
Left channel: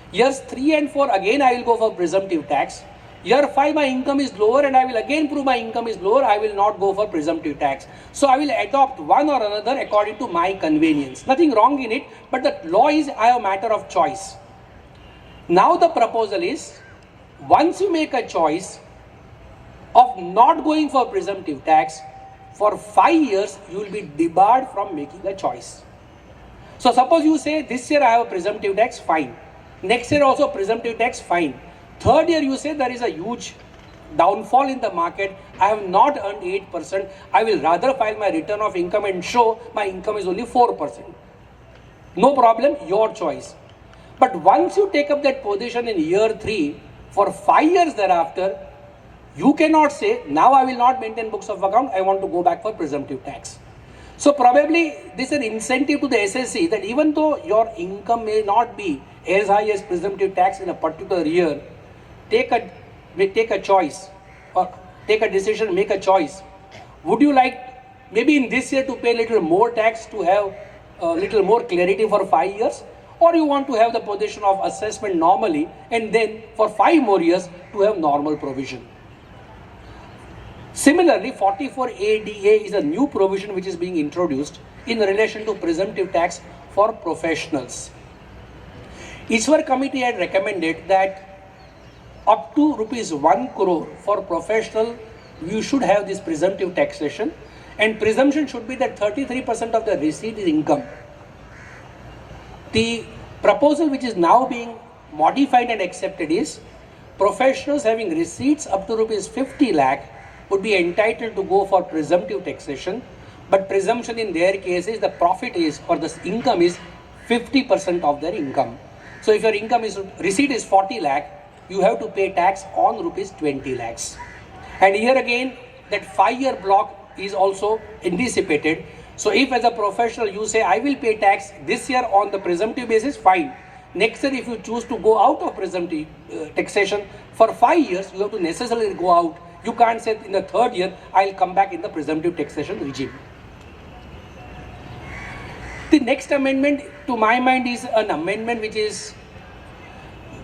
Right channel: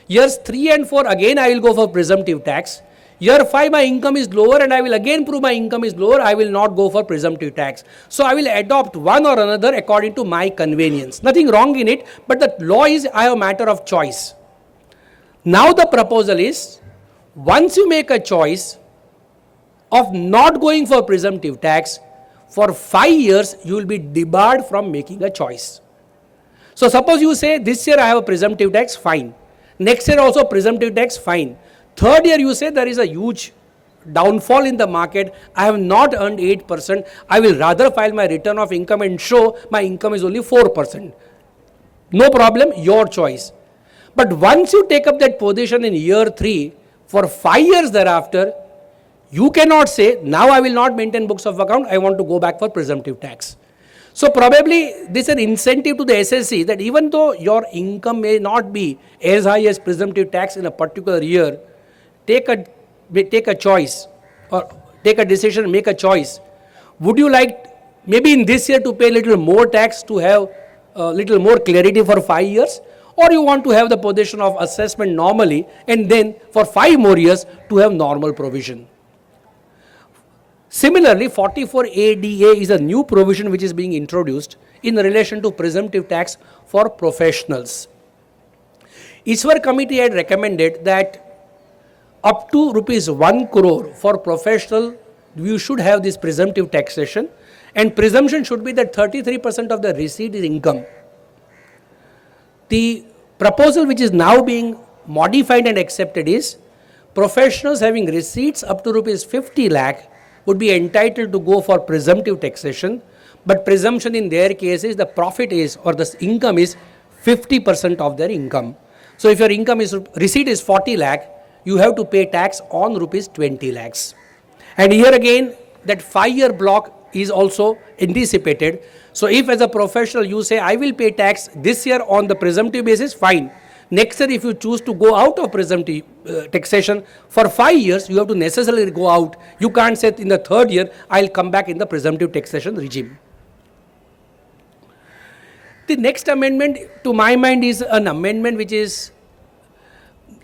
Years 3 and 4 again I will go for presumptive tax. Year 5 my income is lower and I will again prove my income is lower, I will not go for presumptive tax. So I will adopt one or another according to my convenience. Nothing wrong in it, but the law is I have a matter of choice. Now the proposal is, once you make a choice of not going for presumptive tax, for 5 years you will be debarred from making a choice. So suppose you say this year I have a presumptive tax, fine. Next year also presumptive tax, fine. Third year you say there is a huge downfall in the market, I have not earned 8%, I will rather file my return of income and show my income is only 4%. No problem, your choice. But once you take up that position in year 3, for 5 years thereafter, you cannot say, now I will not maintain books of account, I want to go back for presumptive tax. So probably this is an incentive to the SSC that even though your income may not be as high as presumptive tax in a particular year, take a choice or take a decision, make a choice. Would you like maybe in this year to pay a little more tax to have a little more clarity for 5 years, or you want to have the position of assessment normally and then for 5 more years to have normal provision. Similarly, 44ADA is a new provision which is being introduced in relation to presumptive tax for professionals. Iswar committee had recommended that up to rupees 1 crore for professional, you should have this presumptive taxation, and presumption should be that 33% of the receipt is income. The proposal which is now being modified and accepted is professionals having receipts up to rupees 50 lakh would be entitled to go for presumptive taxation, but presumption in their case is the profit is or the income is 50% of their income. So if your income is receipt is 40 lakh, you have to pay tax on rupees 20 lakhs. And here again that 5-year block is also anticipated. So if as a professional you say I will pay tax this year on the presumptive basis, fine. Next year if you choose to go out of presumptive taxation for 5 years, you have to necessarily go out. You can't say in the 3rd year I will come back in the presumptive taxation regime. The next amendment to my mind is an amendment which is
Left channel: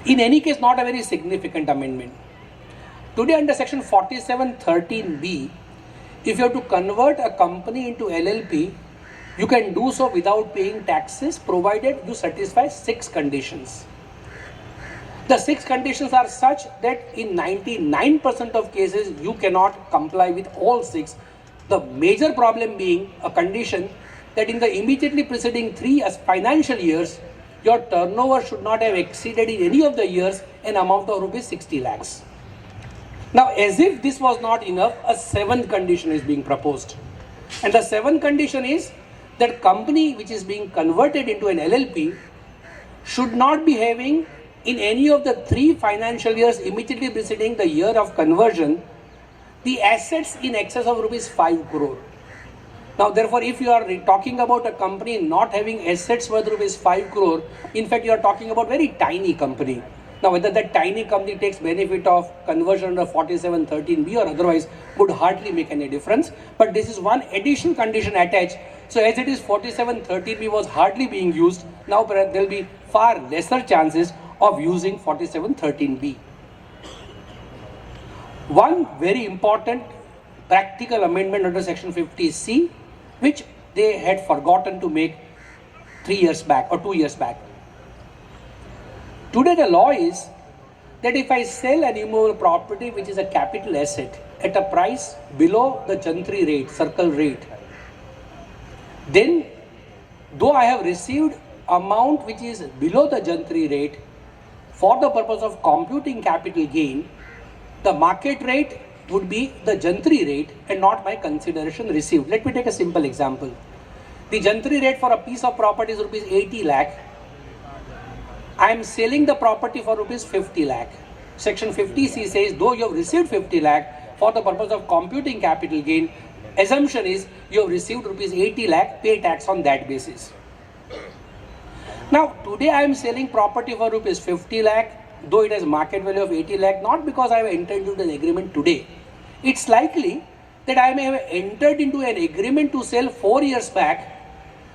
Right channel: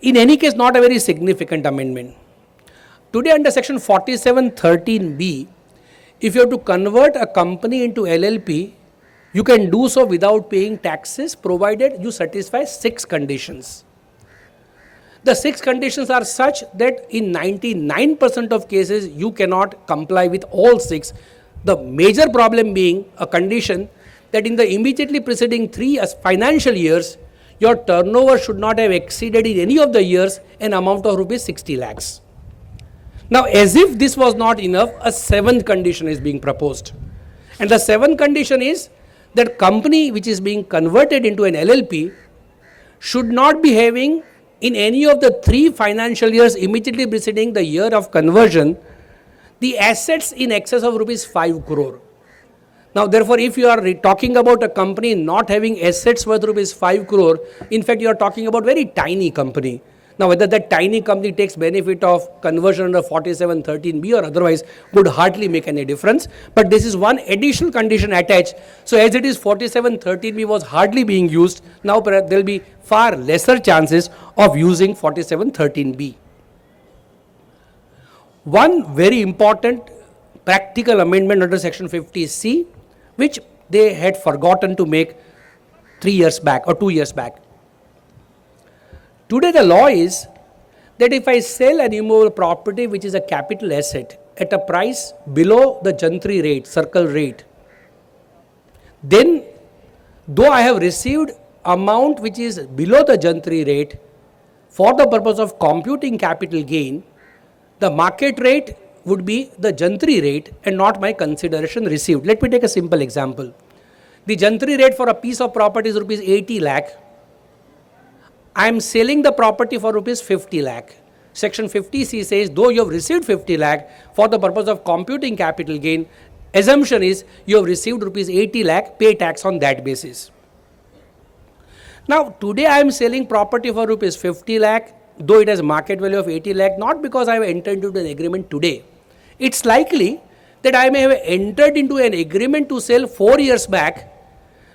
in any case not a very significant amendment. Today under section 4713B, if you have to convert a company into LLP, you can do so without paying taxes provided you satisfy 6 conditions. The 6 conditions are such that in 99% of cases you cannot comply with all 6. The major problem being a condition that in the immediately preceding 3 financial years, your turnover should not have exceeded in any of the years an amount of rupees 60 lakhs. Now as if this was not enough, a 7th condition is being proposed. And the 7th condition is that company which is being converted into an LLP should not be having in any of the 3 financial years immediately preceding the year of conversion the assets in excess of rupees 5 crore. Now therefore if you are talking about a company not having assets worth rupees 5 crore, in fact you are talking about very tiny company. Now whether that tiny company takes benefit of conversion under 4713B or otherwise would hardly make any difference, but this is one additional condition attached. So as it is 4713B was hardly being used, now there will be far lesser chances of using 4713B. One very important practical amendment under section 50C which they had forgotten to make 3 years back or 2 years back. Today the law is that if I sell an immovable property which is a capital asset at a price below the Jantri rate, circle rate, then though I have received amount which is below the Jantri rate, for the purpose of computing capital gain, the market rate would be the Jantri rate and not my consideration received. Let me take a simple example. The Jantri rate for a piece of property is rupees 80 lakh. I am selling the property for rupees 50 lakh. Section 50C says though you have received 50 lakh, for the purpose of computing capital gain, assumption is you have received rupees 80 lakh, pay tax on that basis. Now today I am selling property for rupees 50 lakh, though it has market value of 80 lakh, not because I have entered into an agreement today. It's likely that I may have entered into an agreement to sell 4 years back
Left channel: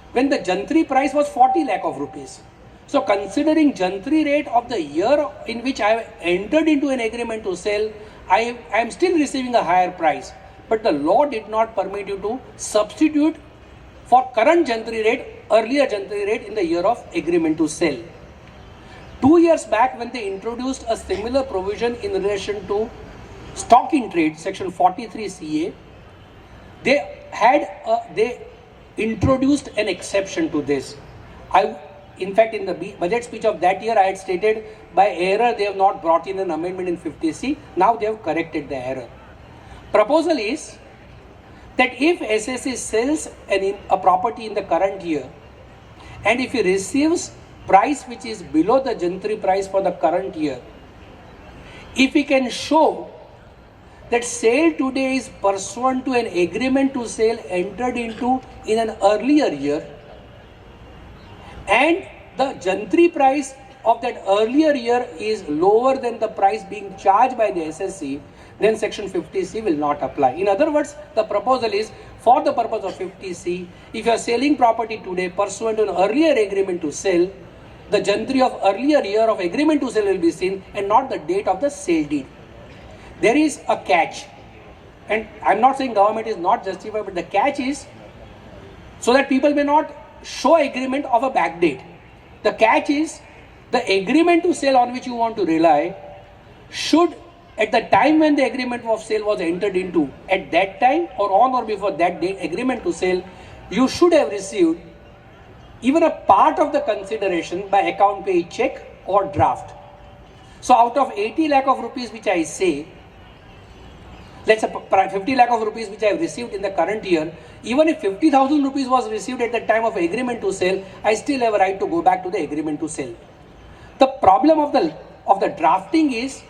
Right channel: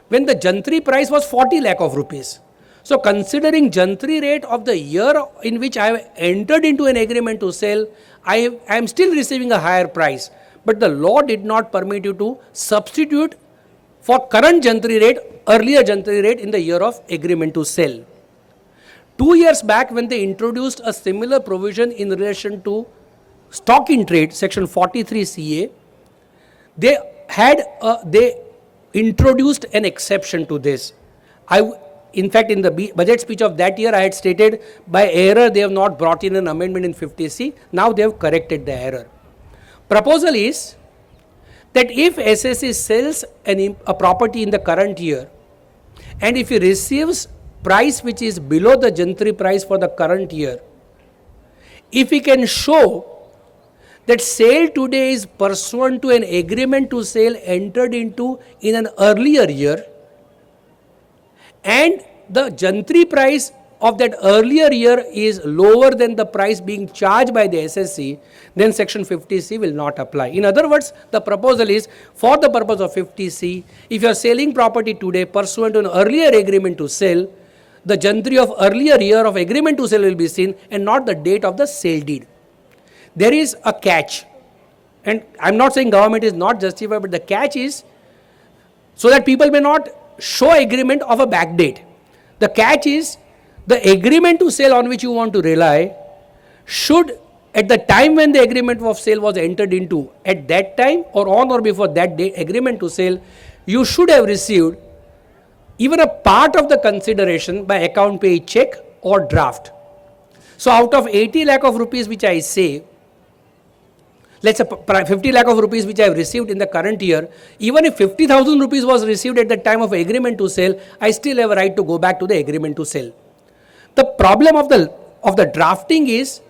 when the Jantri price was 40 lakh of rupees. So considering Jantri rate of the year in which I have entered into an agreement to sell, I am still receiving a higher price. But the law did not permit you to substitute for current Jantri rate, earlier Jantri rate in the year of agreement to sell. 2 years back, when they introduced a similar provision in relation to stock in trade, section 43 CA, they introduced an exception to this. In fact, in the budget speech of that year, I had stated by error they have not brought in an amendment in 50C. Now they have corrected the error. Proposal is that if SSC sells a property in the current year, and if he receives price which is below the Jantri price for the current year, if he can show that sale today is pursuant to an agreement to sale entered into in an earlier year, and the Jantri price of that earlier year is lower than the price being charged by the SSC, then section 50C will not apply. In other words, the proposal is, for the purpose of 50C, if you are selling property today pursuant to an earlier agreement to sell, the Jantri of earlier year of agreement to sell will be seen and not the date of the sale deed. There is a catch, and I am not saying government is not justified, but the catch is so that people may not show agreement of a back date. The catch is the agreement to sell on which you want to rely should, at the time when the agreement of sale was entered into, at that time or on or before that date agreement to sale, you should have received even a part of the consideration by account pay check or draft. So out of 80 lakh of rupees which I say, let's say 50 lakh of rupees which I have received in the current year, even if 50,000 rupees was received at the time of agreement to sell, I still have a right to go back to the agreement to sell. The problem of the drafting is,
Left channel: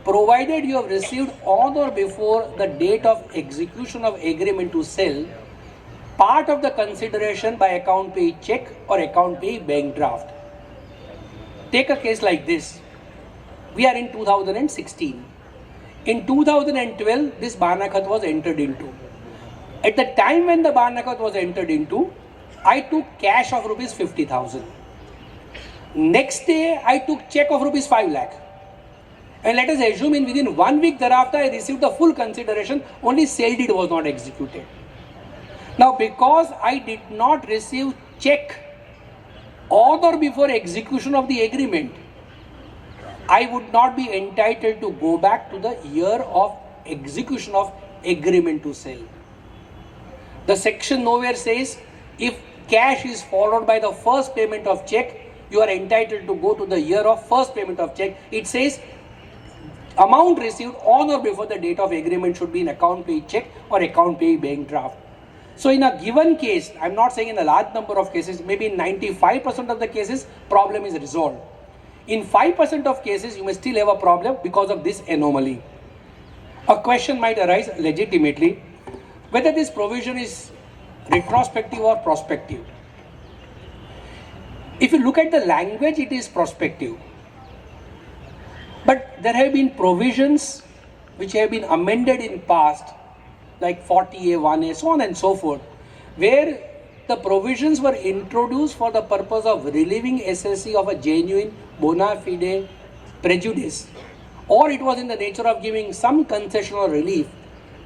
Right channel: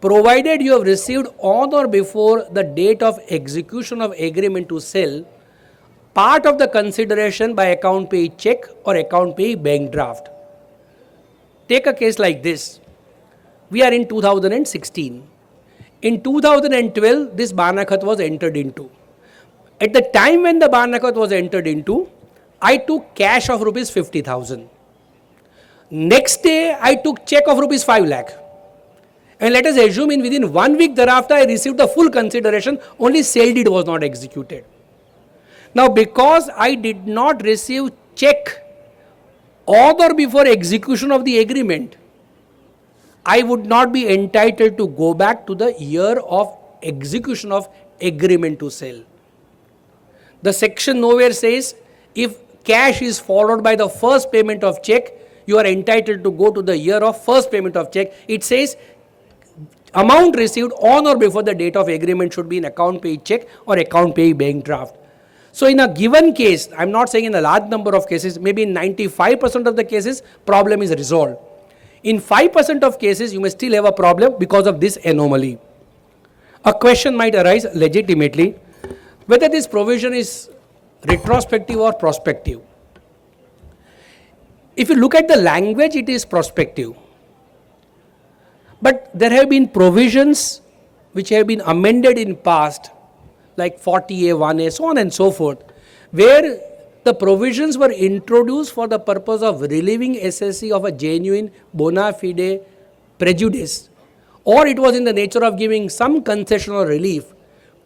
provided you have received on or before the date of execution of agreement to sell part of the consideration by account pay check or account pay bank draft. Take a case like this. We are in 2016. In 2012, this Banakat was entered into. At the time when the Banakat was entered into, I took cash of rupees 50,000. Next day, I took check of rupees 5 lakh. And let us assume within 1 week thereafter, I received the full consideration, only sale deed was not executed. Now, because I did not receive check on or before execution of the agreement, I would not be entitled to go back to the year of execution of agreement to sell. The section nowhere says if cash is followed by the first payment of check, you are entitled to go to the year of first payment of check. It says amount received on or before the date of agreement should be in account pay check or account pay bank draft. So in a given case, I am not saying in a large number of cases, maybe in 95% of the cases, problem is resolved. In 5% of cases, you may still have a problem because of this anomaly. A question might arise legitimately whether this provision is retrospective or prospective. If you look at the language, it is prospective. But there have been provisions which have been amended in past, like 40A, 1A, so on and so forth, where the provisions were introduced for the purpose of relieving SSC of a genuine bona fide prejudice, or it was in the nature of giving some concession or relief.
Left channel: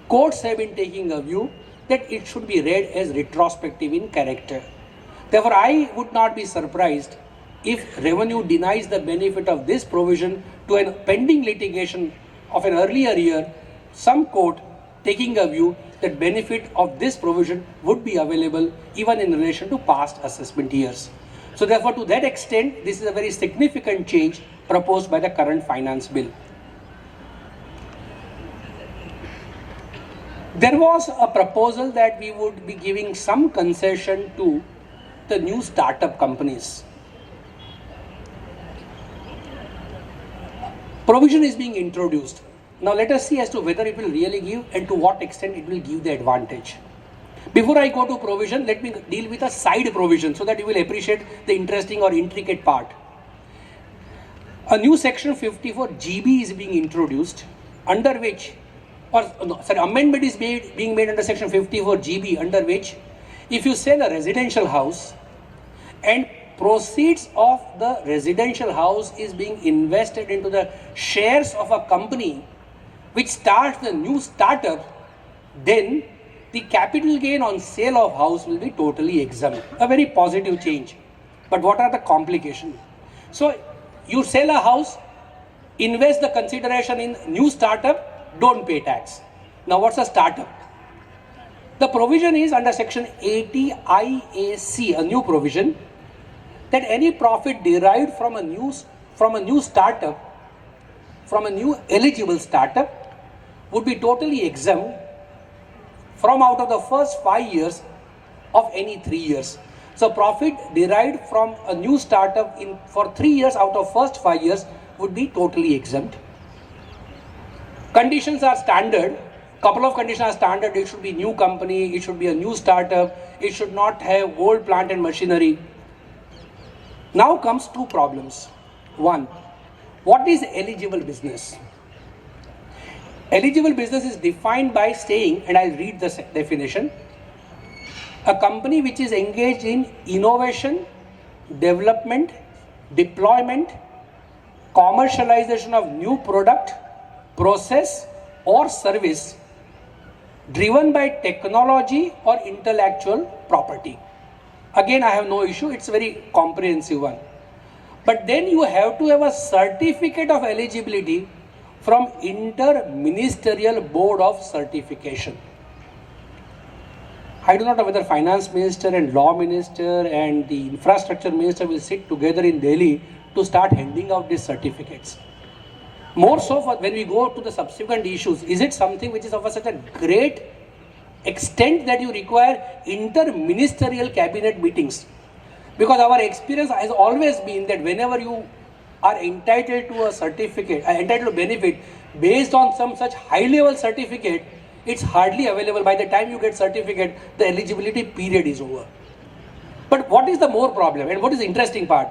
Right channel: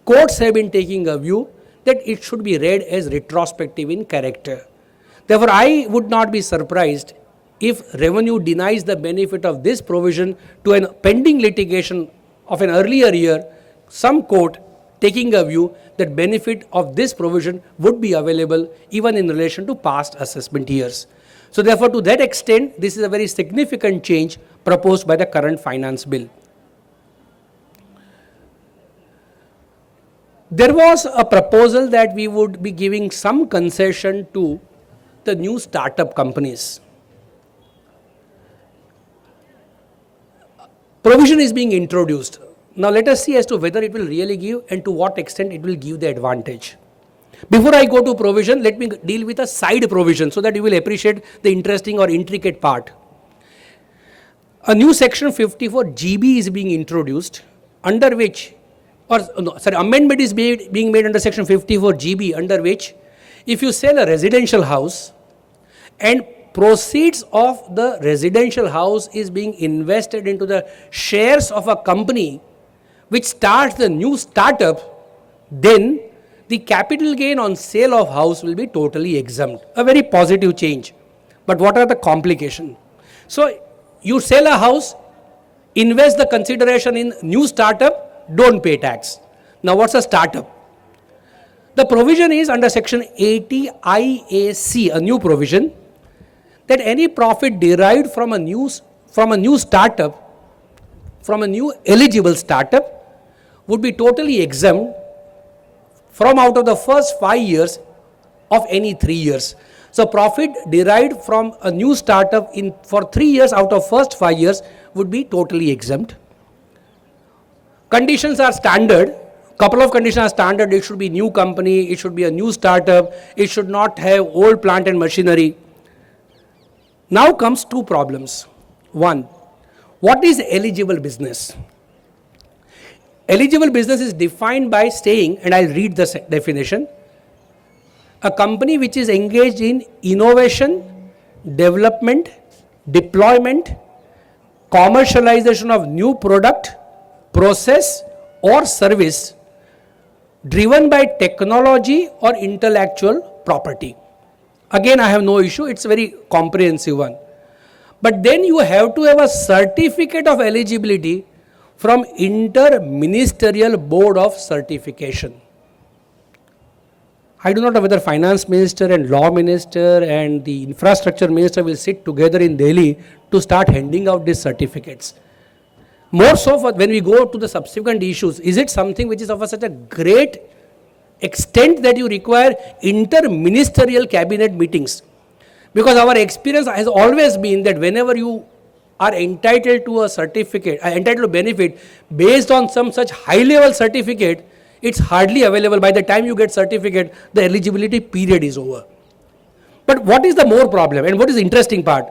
Courts have been taking a view that it should be read as retrospective in character. Therefore, I would not be surprised if revenue denies the benefit of this provision to a pending litigation of an earlier year, some court taking a view that benefit of this provision would be available even in relation to past assessment years. So therefore, to that extent, this is a very significant change proposed by the current finance bill. There was a proposal that we would be giving some concession to the new startup companies. Provision is being introduced. Now let us see as to whether it will really give and to what extent it will give the advantage. Before I go to provision, let me deal with a side provision so that you will appreciate the interesting or intricate part. A new section 54 GB is being introduced, under which, amendment is being made under section 54 GB, under which if you sell a residential house and proceeds of the residential house is being invested into the shares of a company which starts the new startup, then the capital gain on sale of house will be totally exempt. A very positive change. But what are the complications? So you sell a house, invest the consideration in new startup, don't pay tax. Now what's a startup? The provision is under section 80 IAC, a new provision, that any profit derived from a new startup, from a new eligible startup, would be totally exempt from out of the first 5 years of any 3 years. So profit derived from a new startup for 3 years out of first 5 years would be totally exempt. Conditions are standard. Couple of conditions are standard. It should be new company, it should be a new startup, it should not have old plant and machinery. Now comes two problems. One, what is eligible business? Eligible business is defined by saying, and I'll read the definition, a company which is engaged in innovation, development, deployment, commercialization of new product, process or service driven by technology or intellectual property. Again, I have no issue, it's a very comprehensive one. But then you have to have a certificate of eligibility from Inter-Ministerial Board of Certification. I do not know whether Finance Minister and Law Minister and the Infrastructure Minister will sit together in Delhi to start handing out these certificates. More so for when we go to the subsequent issues, is it something which is of such a great extent that you require inter-ministerial cabinet meetings? Because our experience has always been that whenever you are entitled to a certificate, entitled to benefit based on some such high level certificate, it's hardly available. By the time you get certificate, the eligibility period is over. But what is the more problem and what is the interesting part?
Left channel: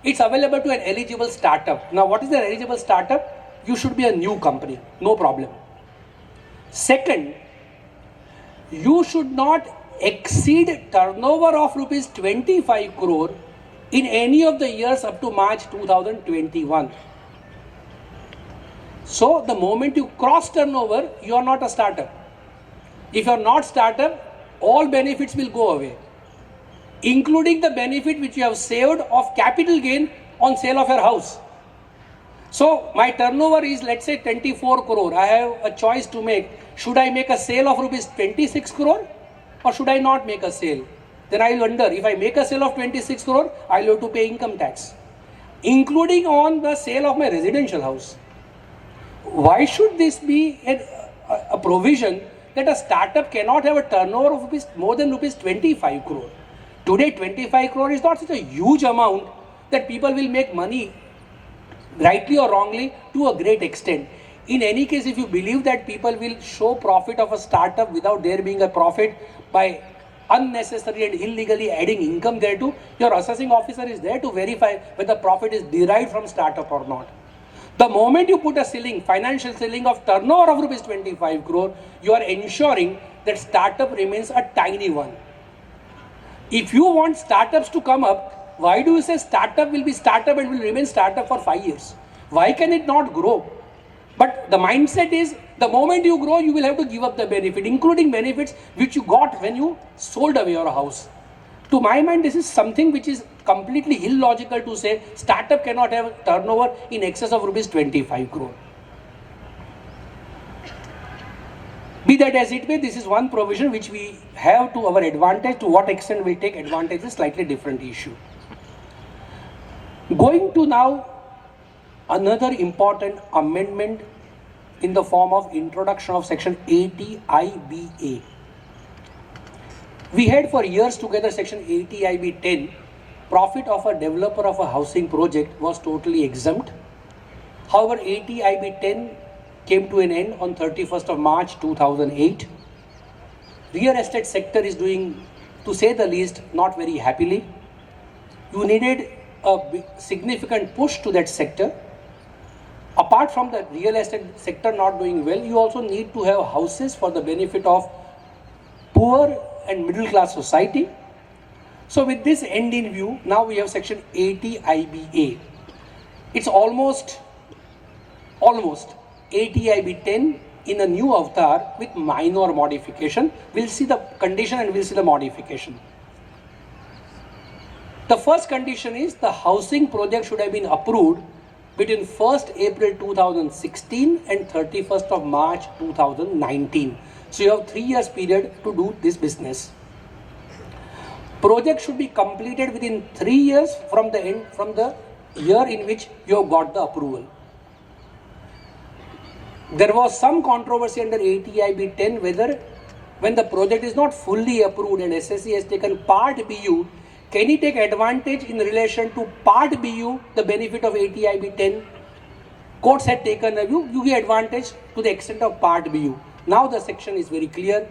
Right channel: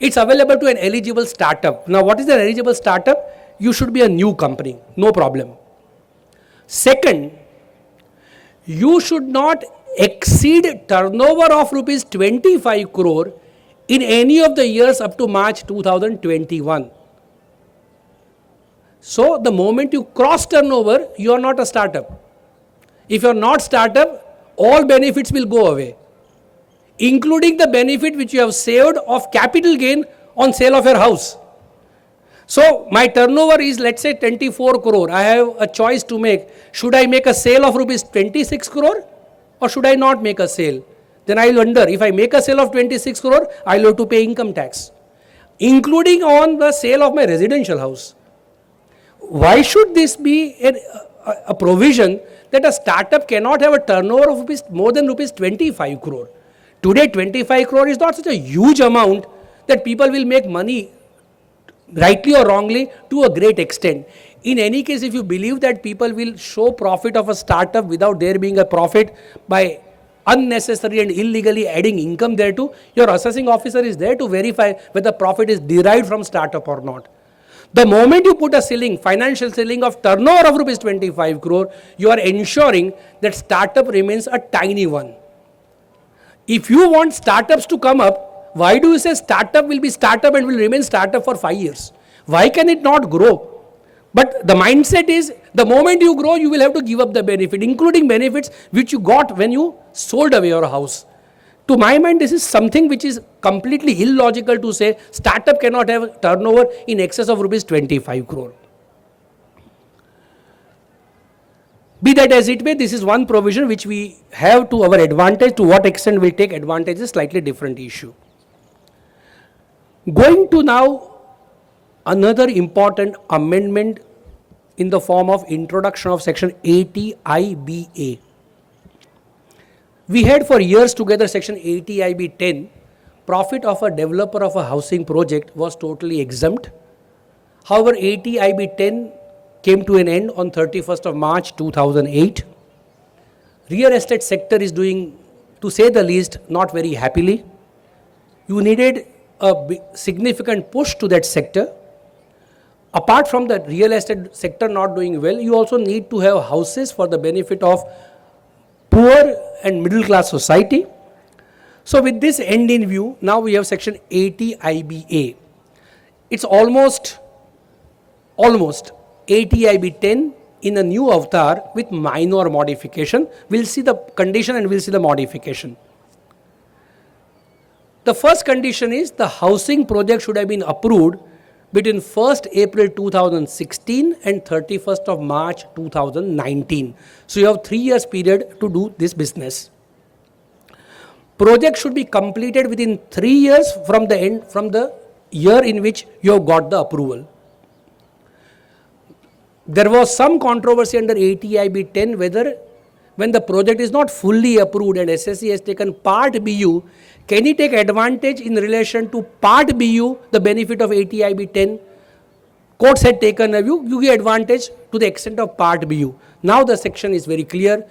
It's available to an eligible startup. Now what is an eligible startup? You should be a new company, no problem. Second, you should not exceed turnover of rupees 25 crore in any of the years up to March 2021. So the moment you cross turnover, you are not a startup. If you are not startup, all benefits will go away, including the benefit which you have saved of capital gain on sale of your house. So my turnover is, let's say, 24 crore. I have a choice to make. Should I make a sale of rupees 26 crore or should I not make a sale? Then I will wonder, if I make a sale of 26 crore, I will have to pay income tax, including on the sale of my residential house. Why should this be a provision that a startup cannot have a turnover of more than rupees 25 crore? Today 25 crore is not such a huge amount that people will make money, rightly or wrongly, to a great extent. In any case, if you believe that people will show profit of a startup without there being a profit by unnecessary and illegally adding income thereto, your assessing officer is there to verify whether profit is derived from startup or not. The moment you put a ceiling, financial ceiling of turnover of rupees 25 crore, you are ensuring that startup remains a tiny one. If you want startups to come up, why do you say startup will be startup and will remain startup for 5 years? Why can it not grow? But the mindset is, the moment you grow, you will have to give up the benefit, including benefits which you got when you sold away your house. To my mind, this is something which is completely illogical to say startup cannot have turnover in excess of rupees 25 crore. Be that as it may, this is one provision which we have to our advantage. To what extent we take advantage is a slightly different issue. Going to now another important amendment in the form of introduction of section 80 IBA. We had for years together section 80 IB 10. Profit of a developer of a housing project was totally exempt. However, 80 IB 10 came to an end on 31st of March 2008. Real estate sector is doing, to say the least, not very happily. You needed a significant push to that sector. Apart from the real estate sector not doing well, you also need to have houses for the benefit of poor and middle class society. So with this end in view, now we have section 80 IBA. It's almost 80 IB 10 in a new avatar with minor modification. We'll see the condition and we'll see the modification. The first condition is the housing project should have been approved between 1st April 2016 and 31st of March 2019. So you have 3 years period to do this business. Project should be completed within 3 years from the year in which you have got the approval. There was some controversy under 80 IB 10 whether when the project is not fully approved and SSC has taken part BU, can he take advantage in relation to part BU, the benefit of 80 IB 10? Courts had taken a view, you get advantage to the extent of part BU. Now the section is very clear.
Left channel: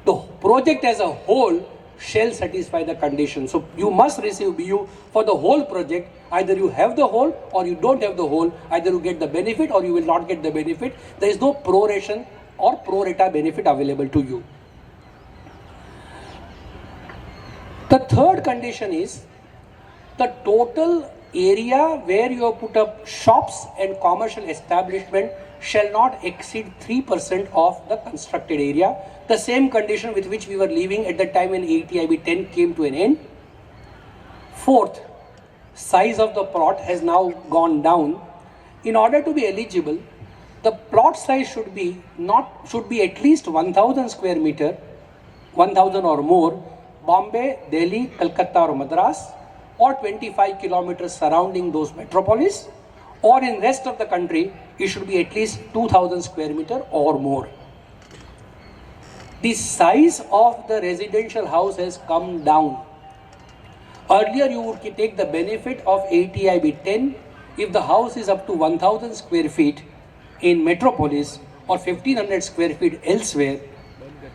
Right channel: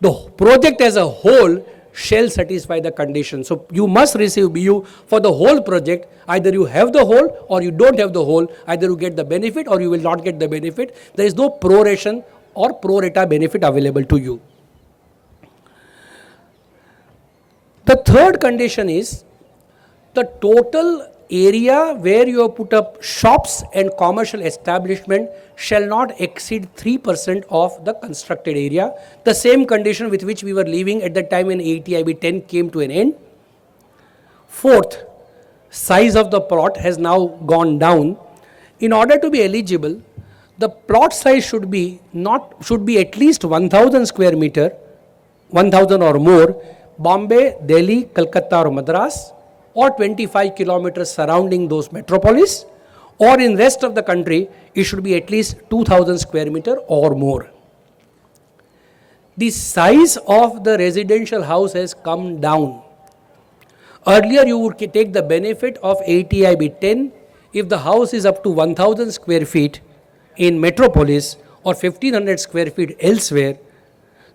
The project as a whole shall satisfy the condition. So you must receive BU for the whole project. Either you have the whole or you don't have the whole. Either you get the benefit or you will not get the benefit. There is no proration or pro rata benefit available to you. The third condition is the total area where you have put up shops and commercial establishment shall not exceed 3% of the constructed area. The same condition with which we were living at the time when 80 IB 10 came to an end. Fourth, size of the plot has now gone down. In order to be eligible, the plot size should be at least 1000 square meter, 1000 or more, Bombay, Delhi, Calcutta or Madras, or 25 kilometers surrounding those metropolis, or in rest of the country it should be at least 2000 square meter or more. The size of the residential house has come down. Earlier you would take the benefit of 80 IB 10 if the house is up to 1000 square feet in metropolis or 1500 square feet elsewhere.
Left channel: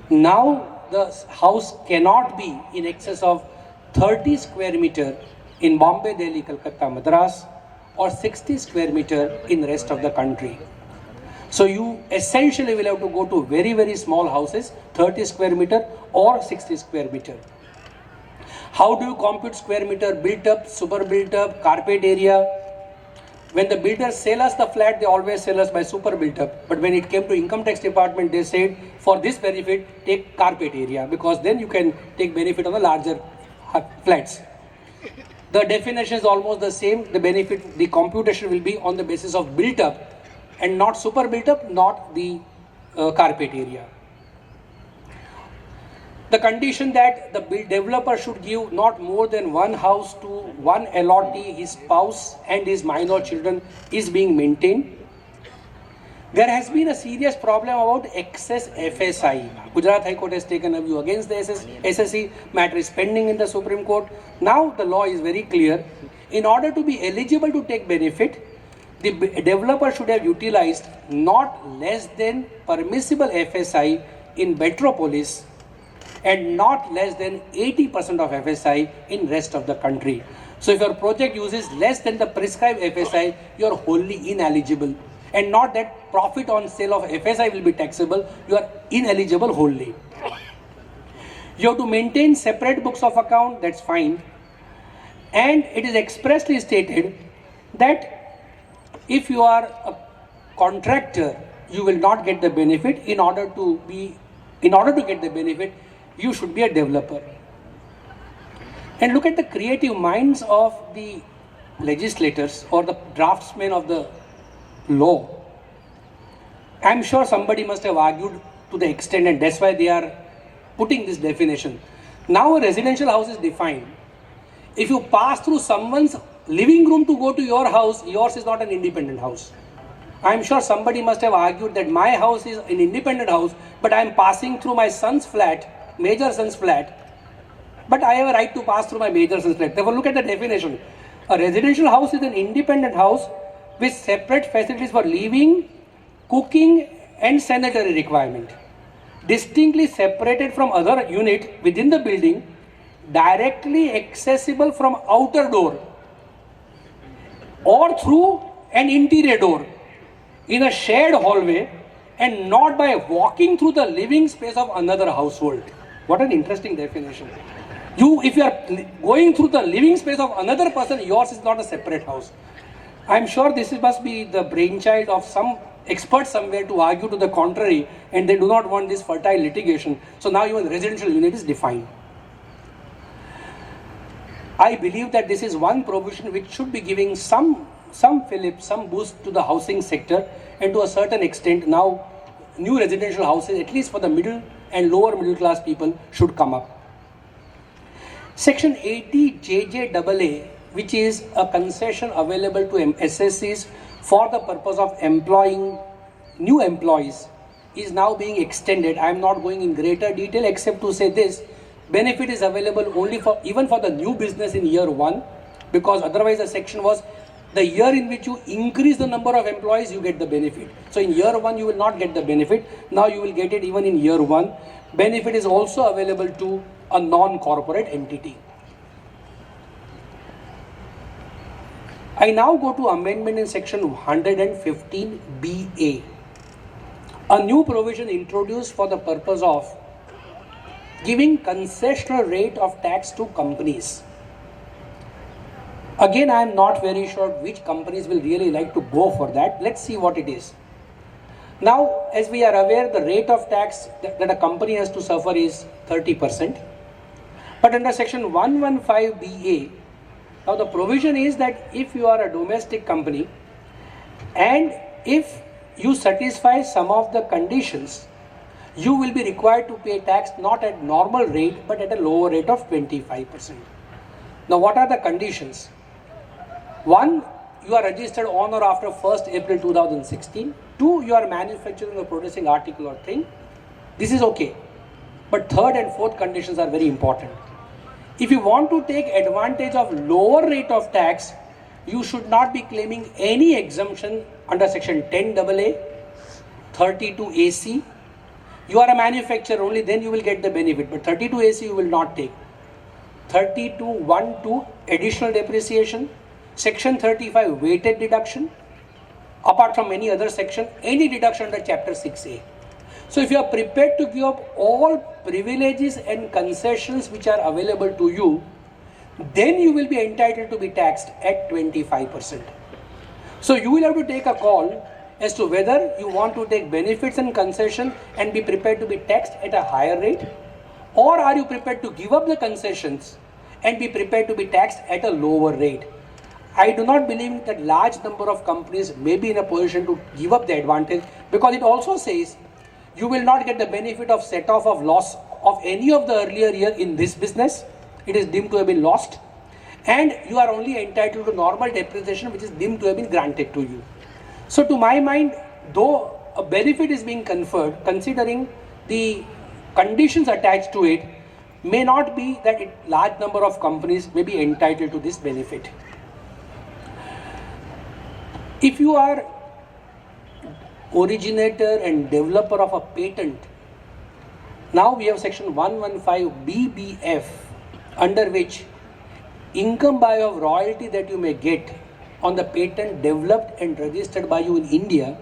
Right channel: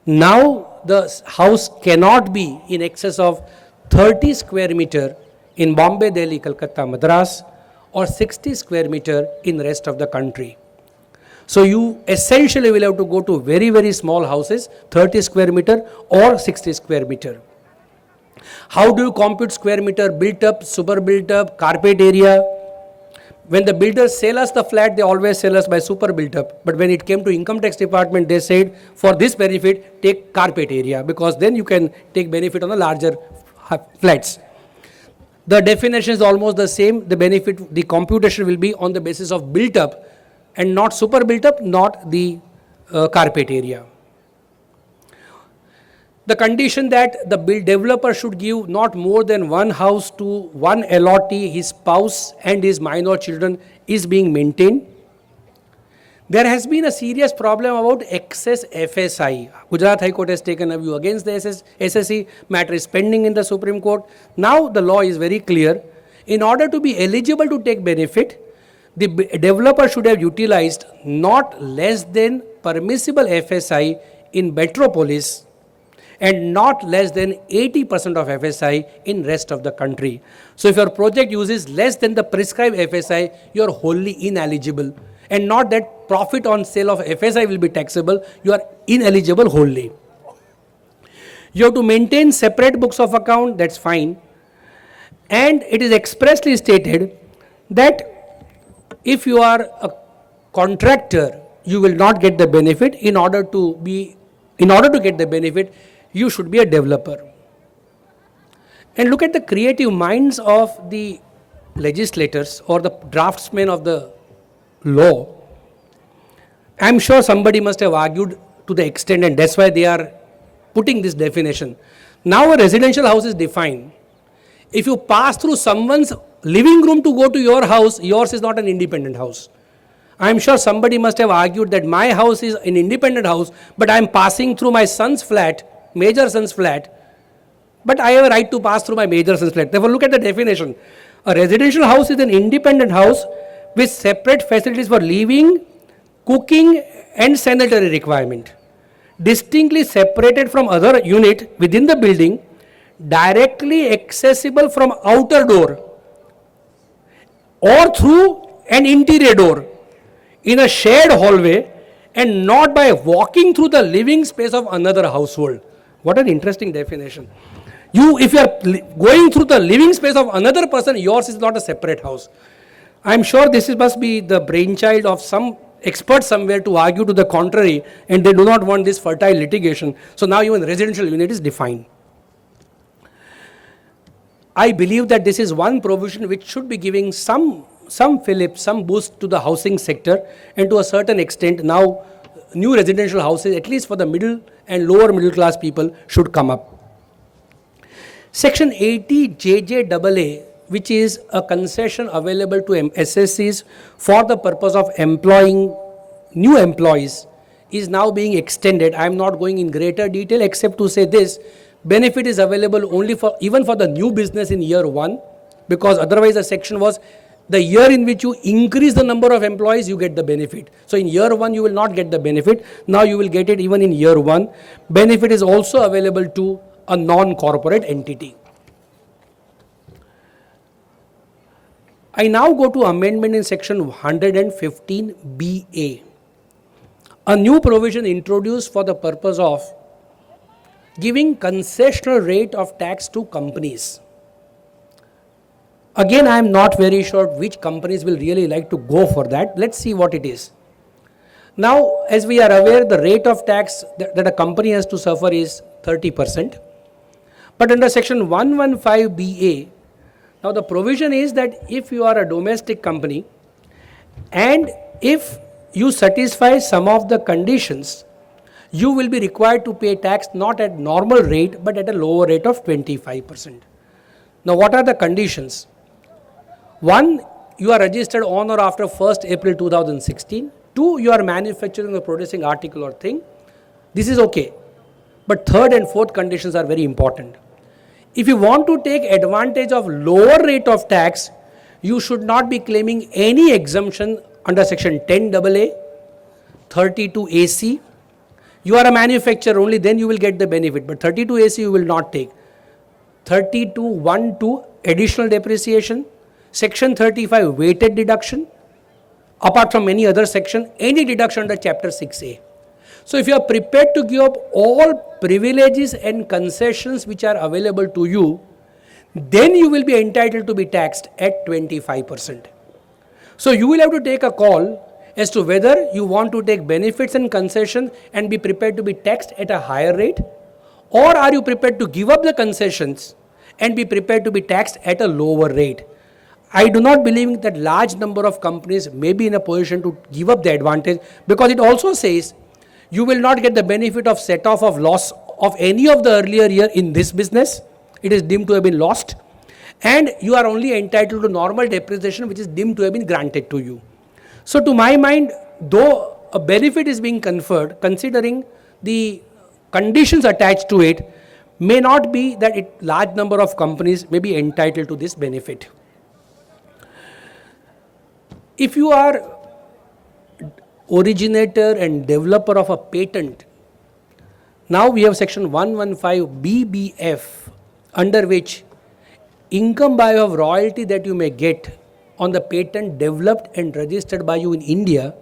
Now the house cannot be in excess of 30 square meter in Bombay, Delhi, Calcutta, Madras, or 60 square meter in rest of the country. So you essentially will have to go to very, very small houses, 30 square meter or 60 square meter. How do you compute square meter? Built up, super built up, carpet area. When the builders sell us the flat, they always sell us by super built up. But when it came to income tax department, they said for this benefit, take carpet area, because then you can take benefit on the larger flats. The definition is almost the same. The benefit, the computation will be on the basis of built up and not super built up, not the carpet area. The condition that the developer should give not more than one house to one allottee, his spouse and his minor children is being maintained. There has been a serious problem about excess FSI. Gujarat High Court has taken a view against the SSC. Matter is pending in the Supreme Court. Now the law is very clear. In order to be eligible to take benefit, the developer should have utilized not less than permissible FSI in metropolis and not less than 80% of FSI in rest of the country. So if your project uses less than the prescribed FSI, you are wholly ineligible. And not that profit on sale of FSI will be taxable, you are ineligible wholly. You have to maintain separate books of account, that's fine. And it is expressly stated that if you are a contractor, you will not get the benefit. In order to get the benefit, you should be a developer. And look at the creative minds of the legislators or the draftsmen of the law. I am sure somebody must have argued to the extent, and that's why they are putting this definition. Now a residential house is defined. If you pass through someone's living room to go to your house, yours is not an independent house. I am sure somebody must have argued that my house is an independent house, but I am passing through my son's flat, major son's flat, but I have a right to pass through my major son's flat. Therefore, look at the definition. A residential house is an independent house with separate facilities for living, cooking and sanitary requirement, distinctly separated from other unit within the building, directly accessible from outer door or through an interior door in a shared hallway and not by walking through the living space of another household. What an interesting definition. If you are going through the living space of another person, yours is not a separate house. I am sure must be the brainchild of some expert somewhere to argue to the contrary, and they do not want this fertile litigation. So now even residential unit is defined. I believe that this is one provision which should be giving some fillip, some boost to the housing sector, and to a certain extent now new residential houses, at least for the middle and lower middle class people, should come up. Section 80 JJAA, which is a concession available to SSCs for the purpose of employing new employees, is now being extended. I am not going in greater detail except to say this: benefit is available only for even for the new business in year 1, because otherwise the section was the year in which you increase the number of employees, you get the benefit. So in year 1 you will not get the benefit. Now you will get it even in year 1. Benefit is also available to a non-corporate entity. I now go to amendment in section 115BA. A new provision introduced for the purpose of giving concessional rate of tax to companies. Again, I am not very sure which companies will really like to go for that. Let's see what it is. Now, as we are aware, the rate of tax that a company has to suffer is 30%. But under section 115BA, now the provision is that if you are a domestic company and if you satisfy some of the conditions, you will be required to pay tax not at normal rate but at a lower rate of 25%. Now what are the conditions? 1, you are registered on or after 1st April 2016. 2, you are manufacturing or producing article or thing. This is okay. But 3rd and 4th conditions are very important. If you want to take advantage of lower rate of tax, you should not be claiming any exemption under section 10AA, 32AC. You are a manufacturer only, then you will get the benefit, but 32AC you will not take. 32(1)(2) additional depreciation, section 35 weighted deduction, apart from any other section, any deduction under chapter 6A. So if you are prepared to give up all privileges and concessions which are available to you, then you will be entitled to be taxed at 25%. So you will have to take a call as to whether you want to take benefits and concession and be prepared to be taxed at a higher rate, or are you prepared to give up the concessions and be prepared to be taxed at a lower rate. I do not believe that large number of companies may be in a position to give up the advantage, because it also says you will not get the benefit of set off of loss of any of the earlier year in this business. It is deemed to have been lost, and you are only entitled to normal depreciation which is deemed to have been granted to you. So to my mind, though a benefit is being conferred, considering the conditions attached to it, may not be that large number of companies may be entitled to this benefit. If you are originator and developer of a patent, now we have section 115BBF, under which income by way of royalty that you may get on the patent developed and registered by you in India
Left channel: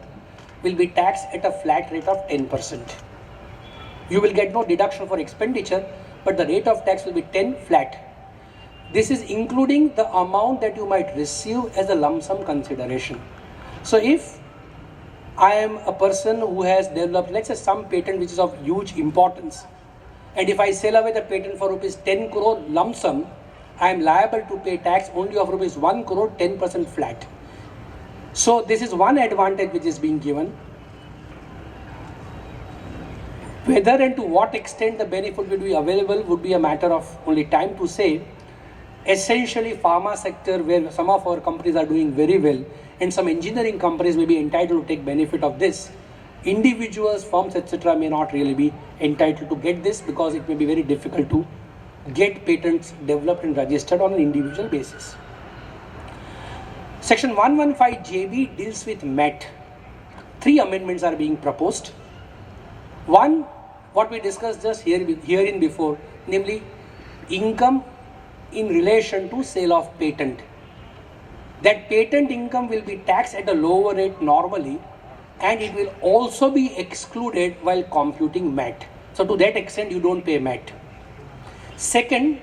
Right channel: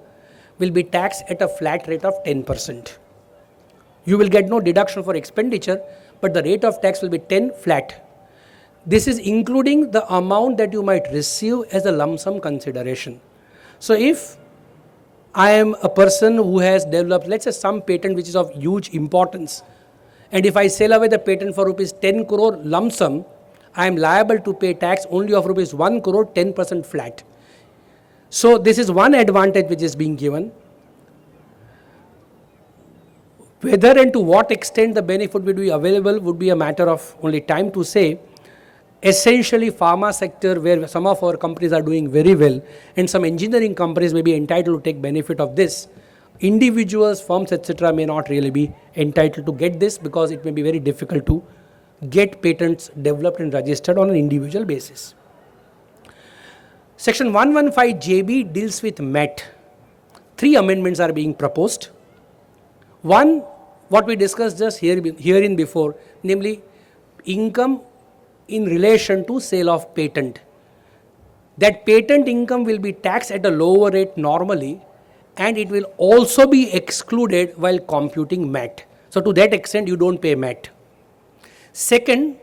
will be taxed at a flat rate of 10%. You will get no deduction for expenditure, but the rate of tax will be 10 flat. This is including the amount that you might receive as a lump sum consideration. So if I am a person who has developed, let's say, some patent which is of huge importance, and if I sell away the patent for rupees 10 crore lump sum, I am liable to pay tax only of rupees 1 crore, 10% flat. So this is one advantage which is being given. Whether and to what extent the benefit will be available would be a matter of only time to say. Essentially, pharma sector, where some of our companies are doing very well, and some engineering companies may be entitled to take benefit of this. Individuals, firms, etc. may not really be entitled to get this, because it may be very difficult to get patents developed and registered on an individual basis. Section 115JB deals with MET. 3 amendments are being proposed. One, what we discussed just herein before, namely income in relation to sale of patent. That patent income will be taxed at a lower rate normally, and it will also be excluded while computing MAT. So to that extent you don't pay MAT. Second,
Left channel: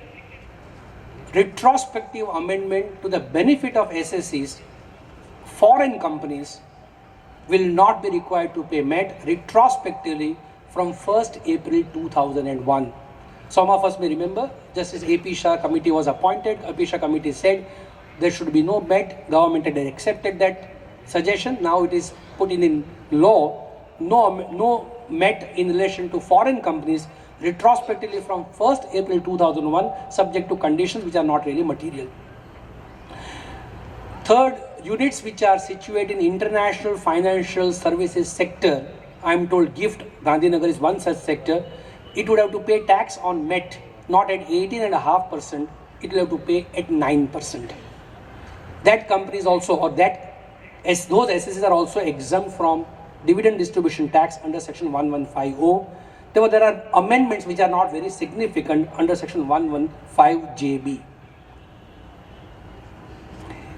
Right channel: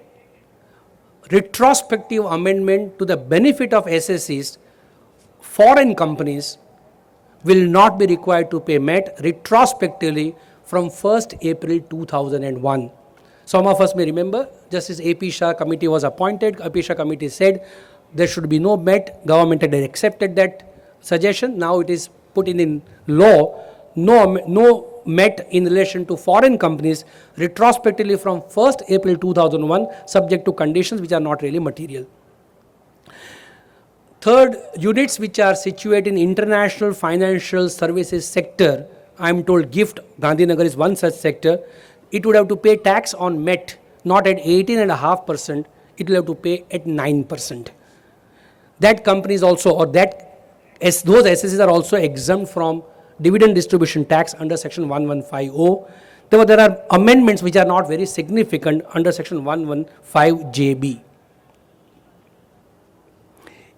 retrospective amendment to the benefit of SSEs, foreign companies will not be required to pay MET retrospectively from 1st April 2001. Some of us may remember, Justice A.P. Shah committee was appointed. A.P. Shah committee said there should be no MET. Government had accepted that suggestion. Now it is put in law, no MET in relation to foreign companies retrospectively from 1st April 2001, subject to conditions which are not really material. Third, units which are situated in international financial services sector, I am told GIFT, Gandhinagar is one such sector, it would have to pay tax on MET not at 18.5%, it will have to pay at 9%. That companies also, or that those SSEs are also exempt from dividend distribution tax under section 1150. There are amendments which are not very significant under section 115JB.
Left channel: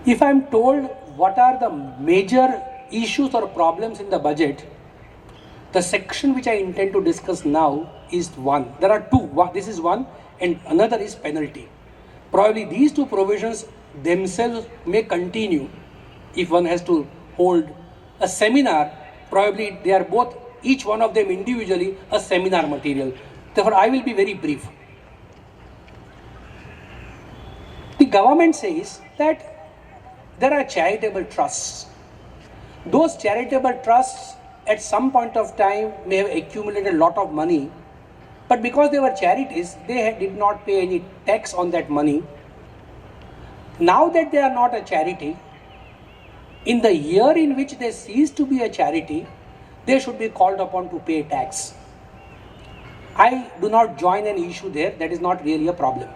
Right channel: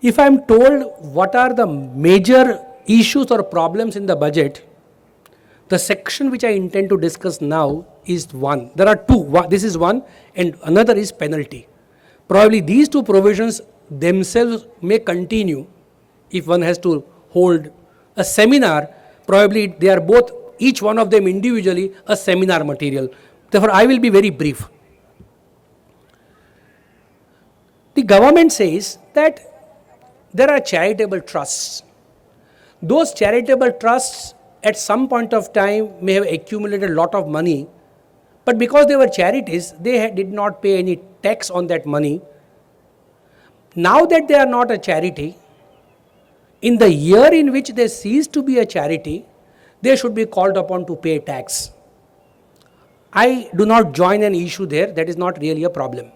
If I am told what are the major issues or problems in the budget, the section which I intend to discuss now is one. There are two. This is one and another is penalty. Probably these two provisions themselves may continue if one has to hold a seminar. Probably they are both, each one of them individually, a seminar material. Therefore, I will be very brief. The government says that there are charitable trusts. Those charitable trusts at some point of time may have accumulated a lot of money, but because they were charities, they did not pay any tax on that money. Now that they are not a charity, in the year in which they cease to be a charity, they should be called upon to pay tax. I do not join an issue there, that is not really a problem.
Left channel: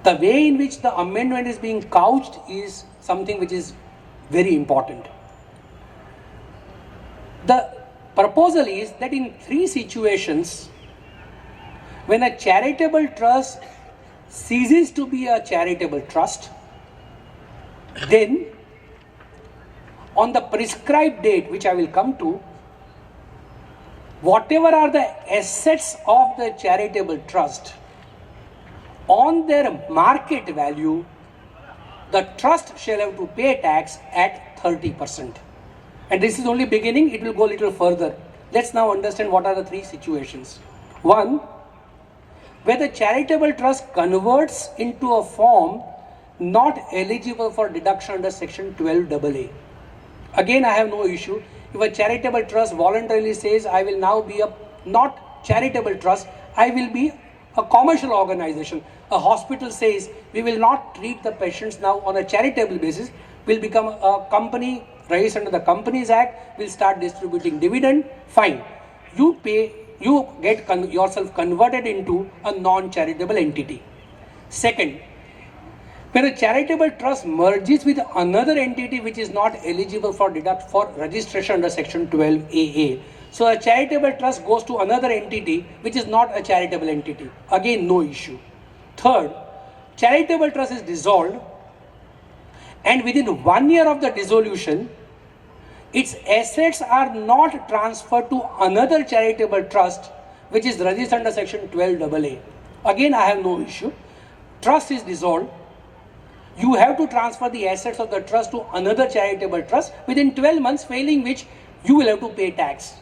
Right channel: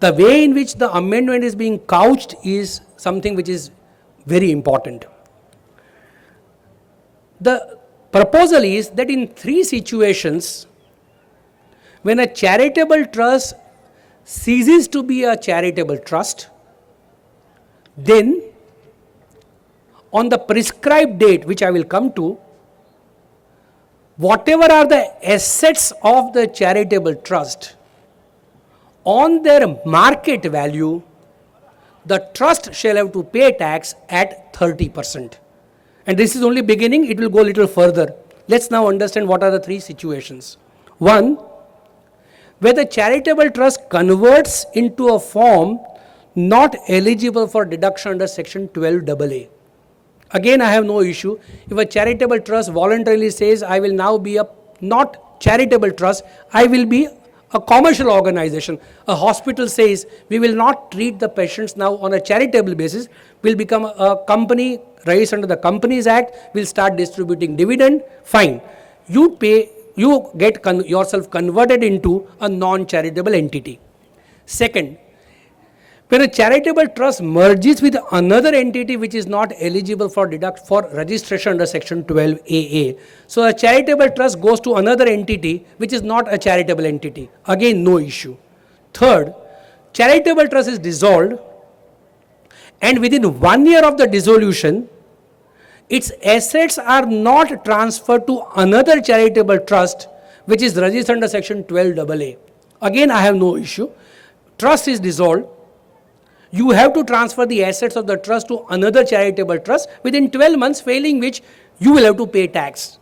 The way in which the amendment is being couched is something which is very important. The proposal is that in three situations, when a charitable trust ceases to be a charitable trust, then on the prescribed date, which I will come to, whatever are the assets of the charitable trust, on their market value, the trust shall have to pay tax at 30%. And this is only beginning, it will go a little further. Let's now understand what are the three situations. One, where the charitable trust converts into a form not eligible for deduction under section 12AA. Again, I have no issue. If a charitable trust voluntarily says, I will now be a not charitable trust, I will be a commercial organization. A hospital says, we will not treat the patients now on a charitable basis, will become a company registered under the Companies Act, will start distributing dividend, fine. You pay, you get yourself converted into a non-charitable entity. Second, when a charitable trust merges with another entity which is not eligible for registration under section 12AA. So a charitable trust goes to another entity which is not a charitable entity. Again, no issue. Third, charitable trust is dissolved and within 1 year of the dissolution, its assets are not transferred to another charitable trust which is registered under section 12AA. Again, I have no issue. Trust is dissolved. You have to transfer the assets of the trust to another charitable trust within 12 months, failing which you will have to pay tax.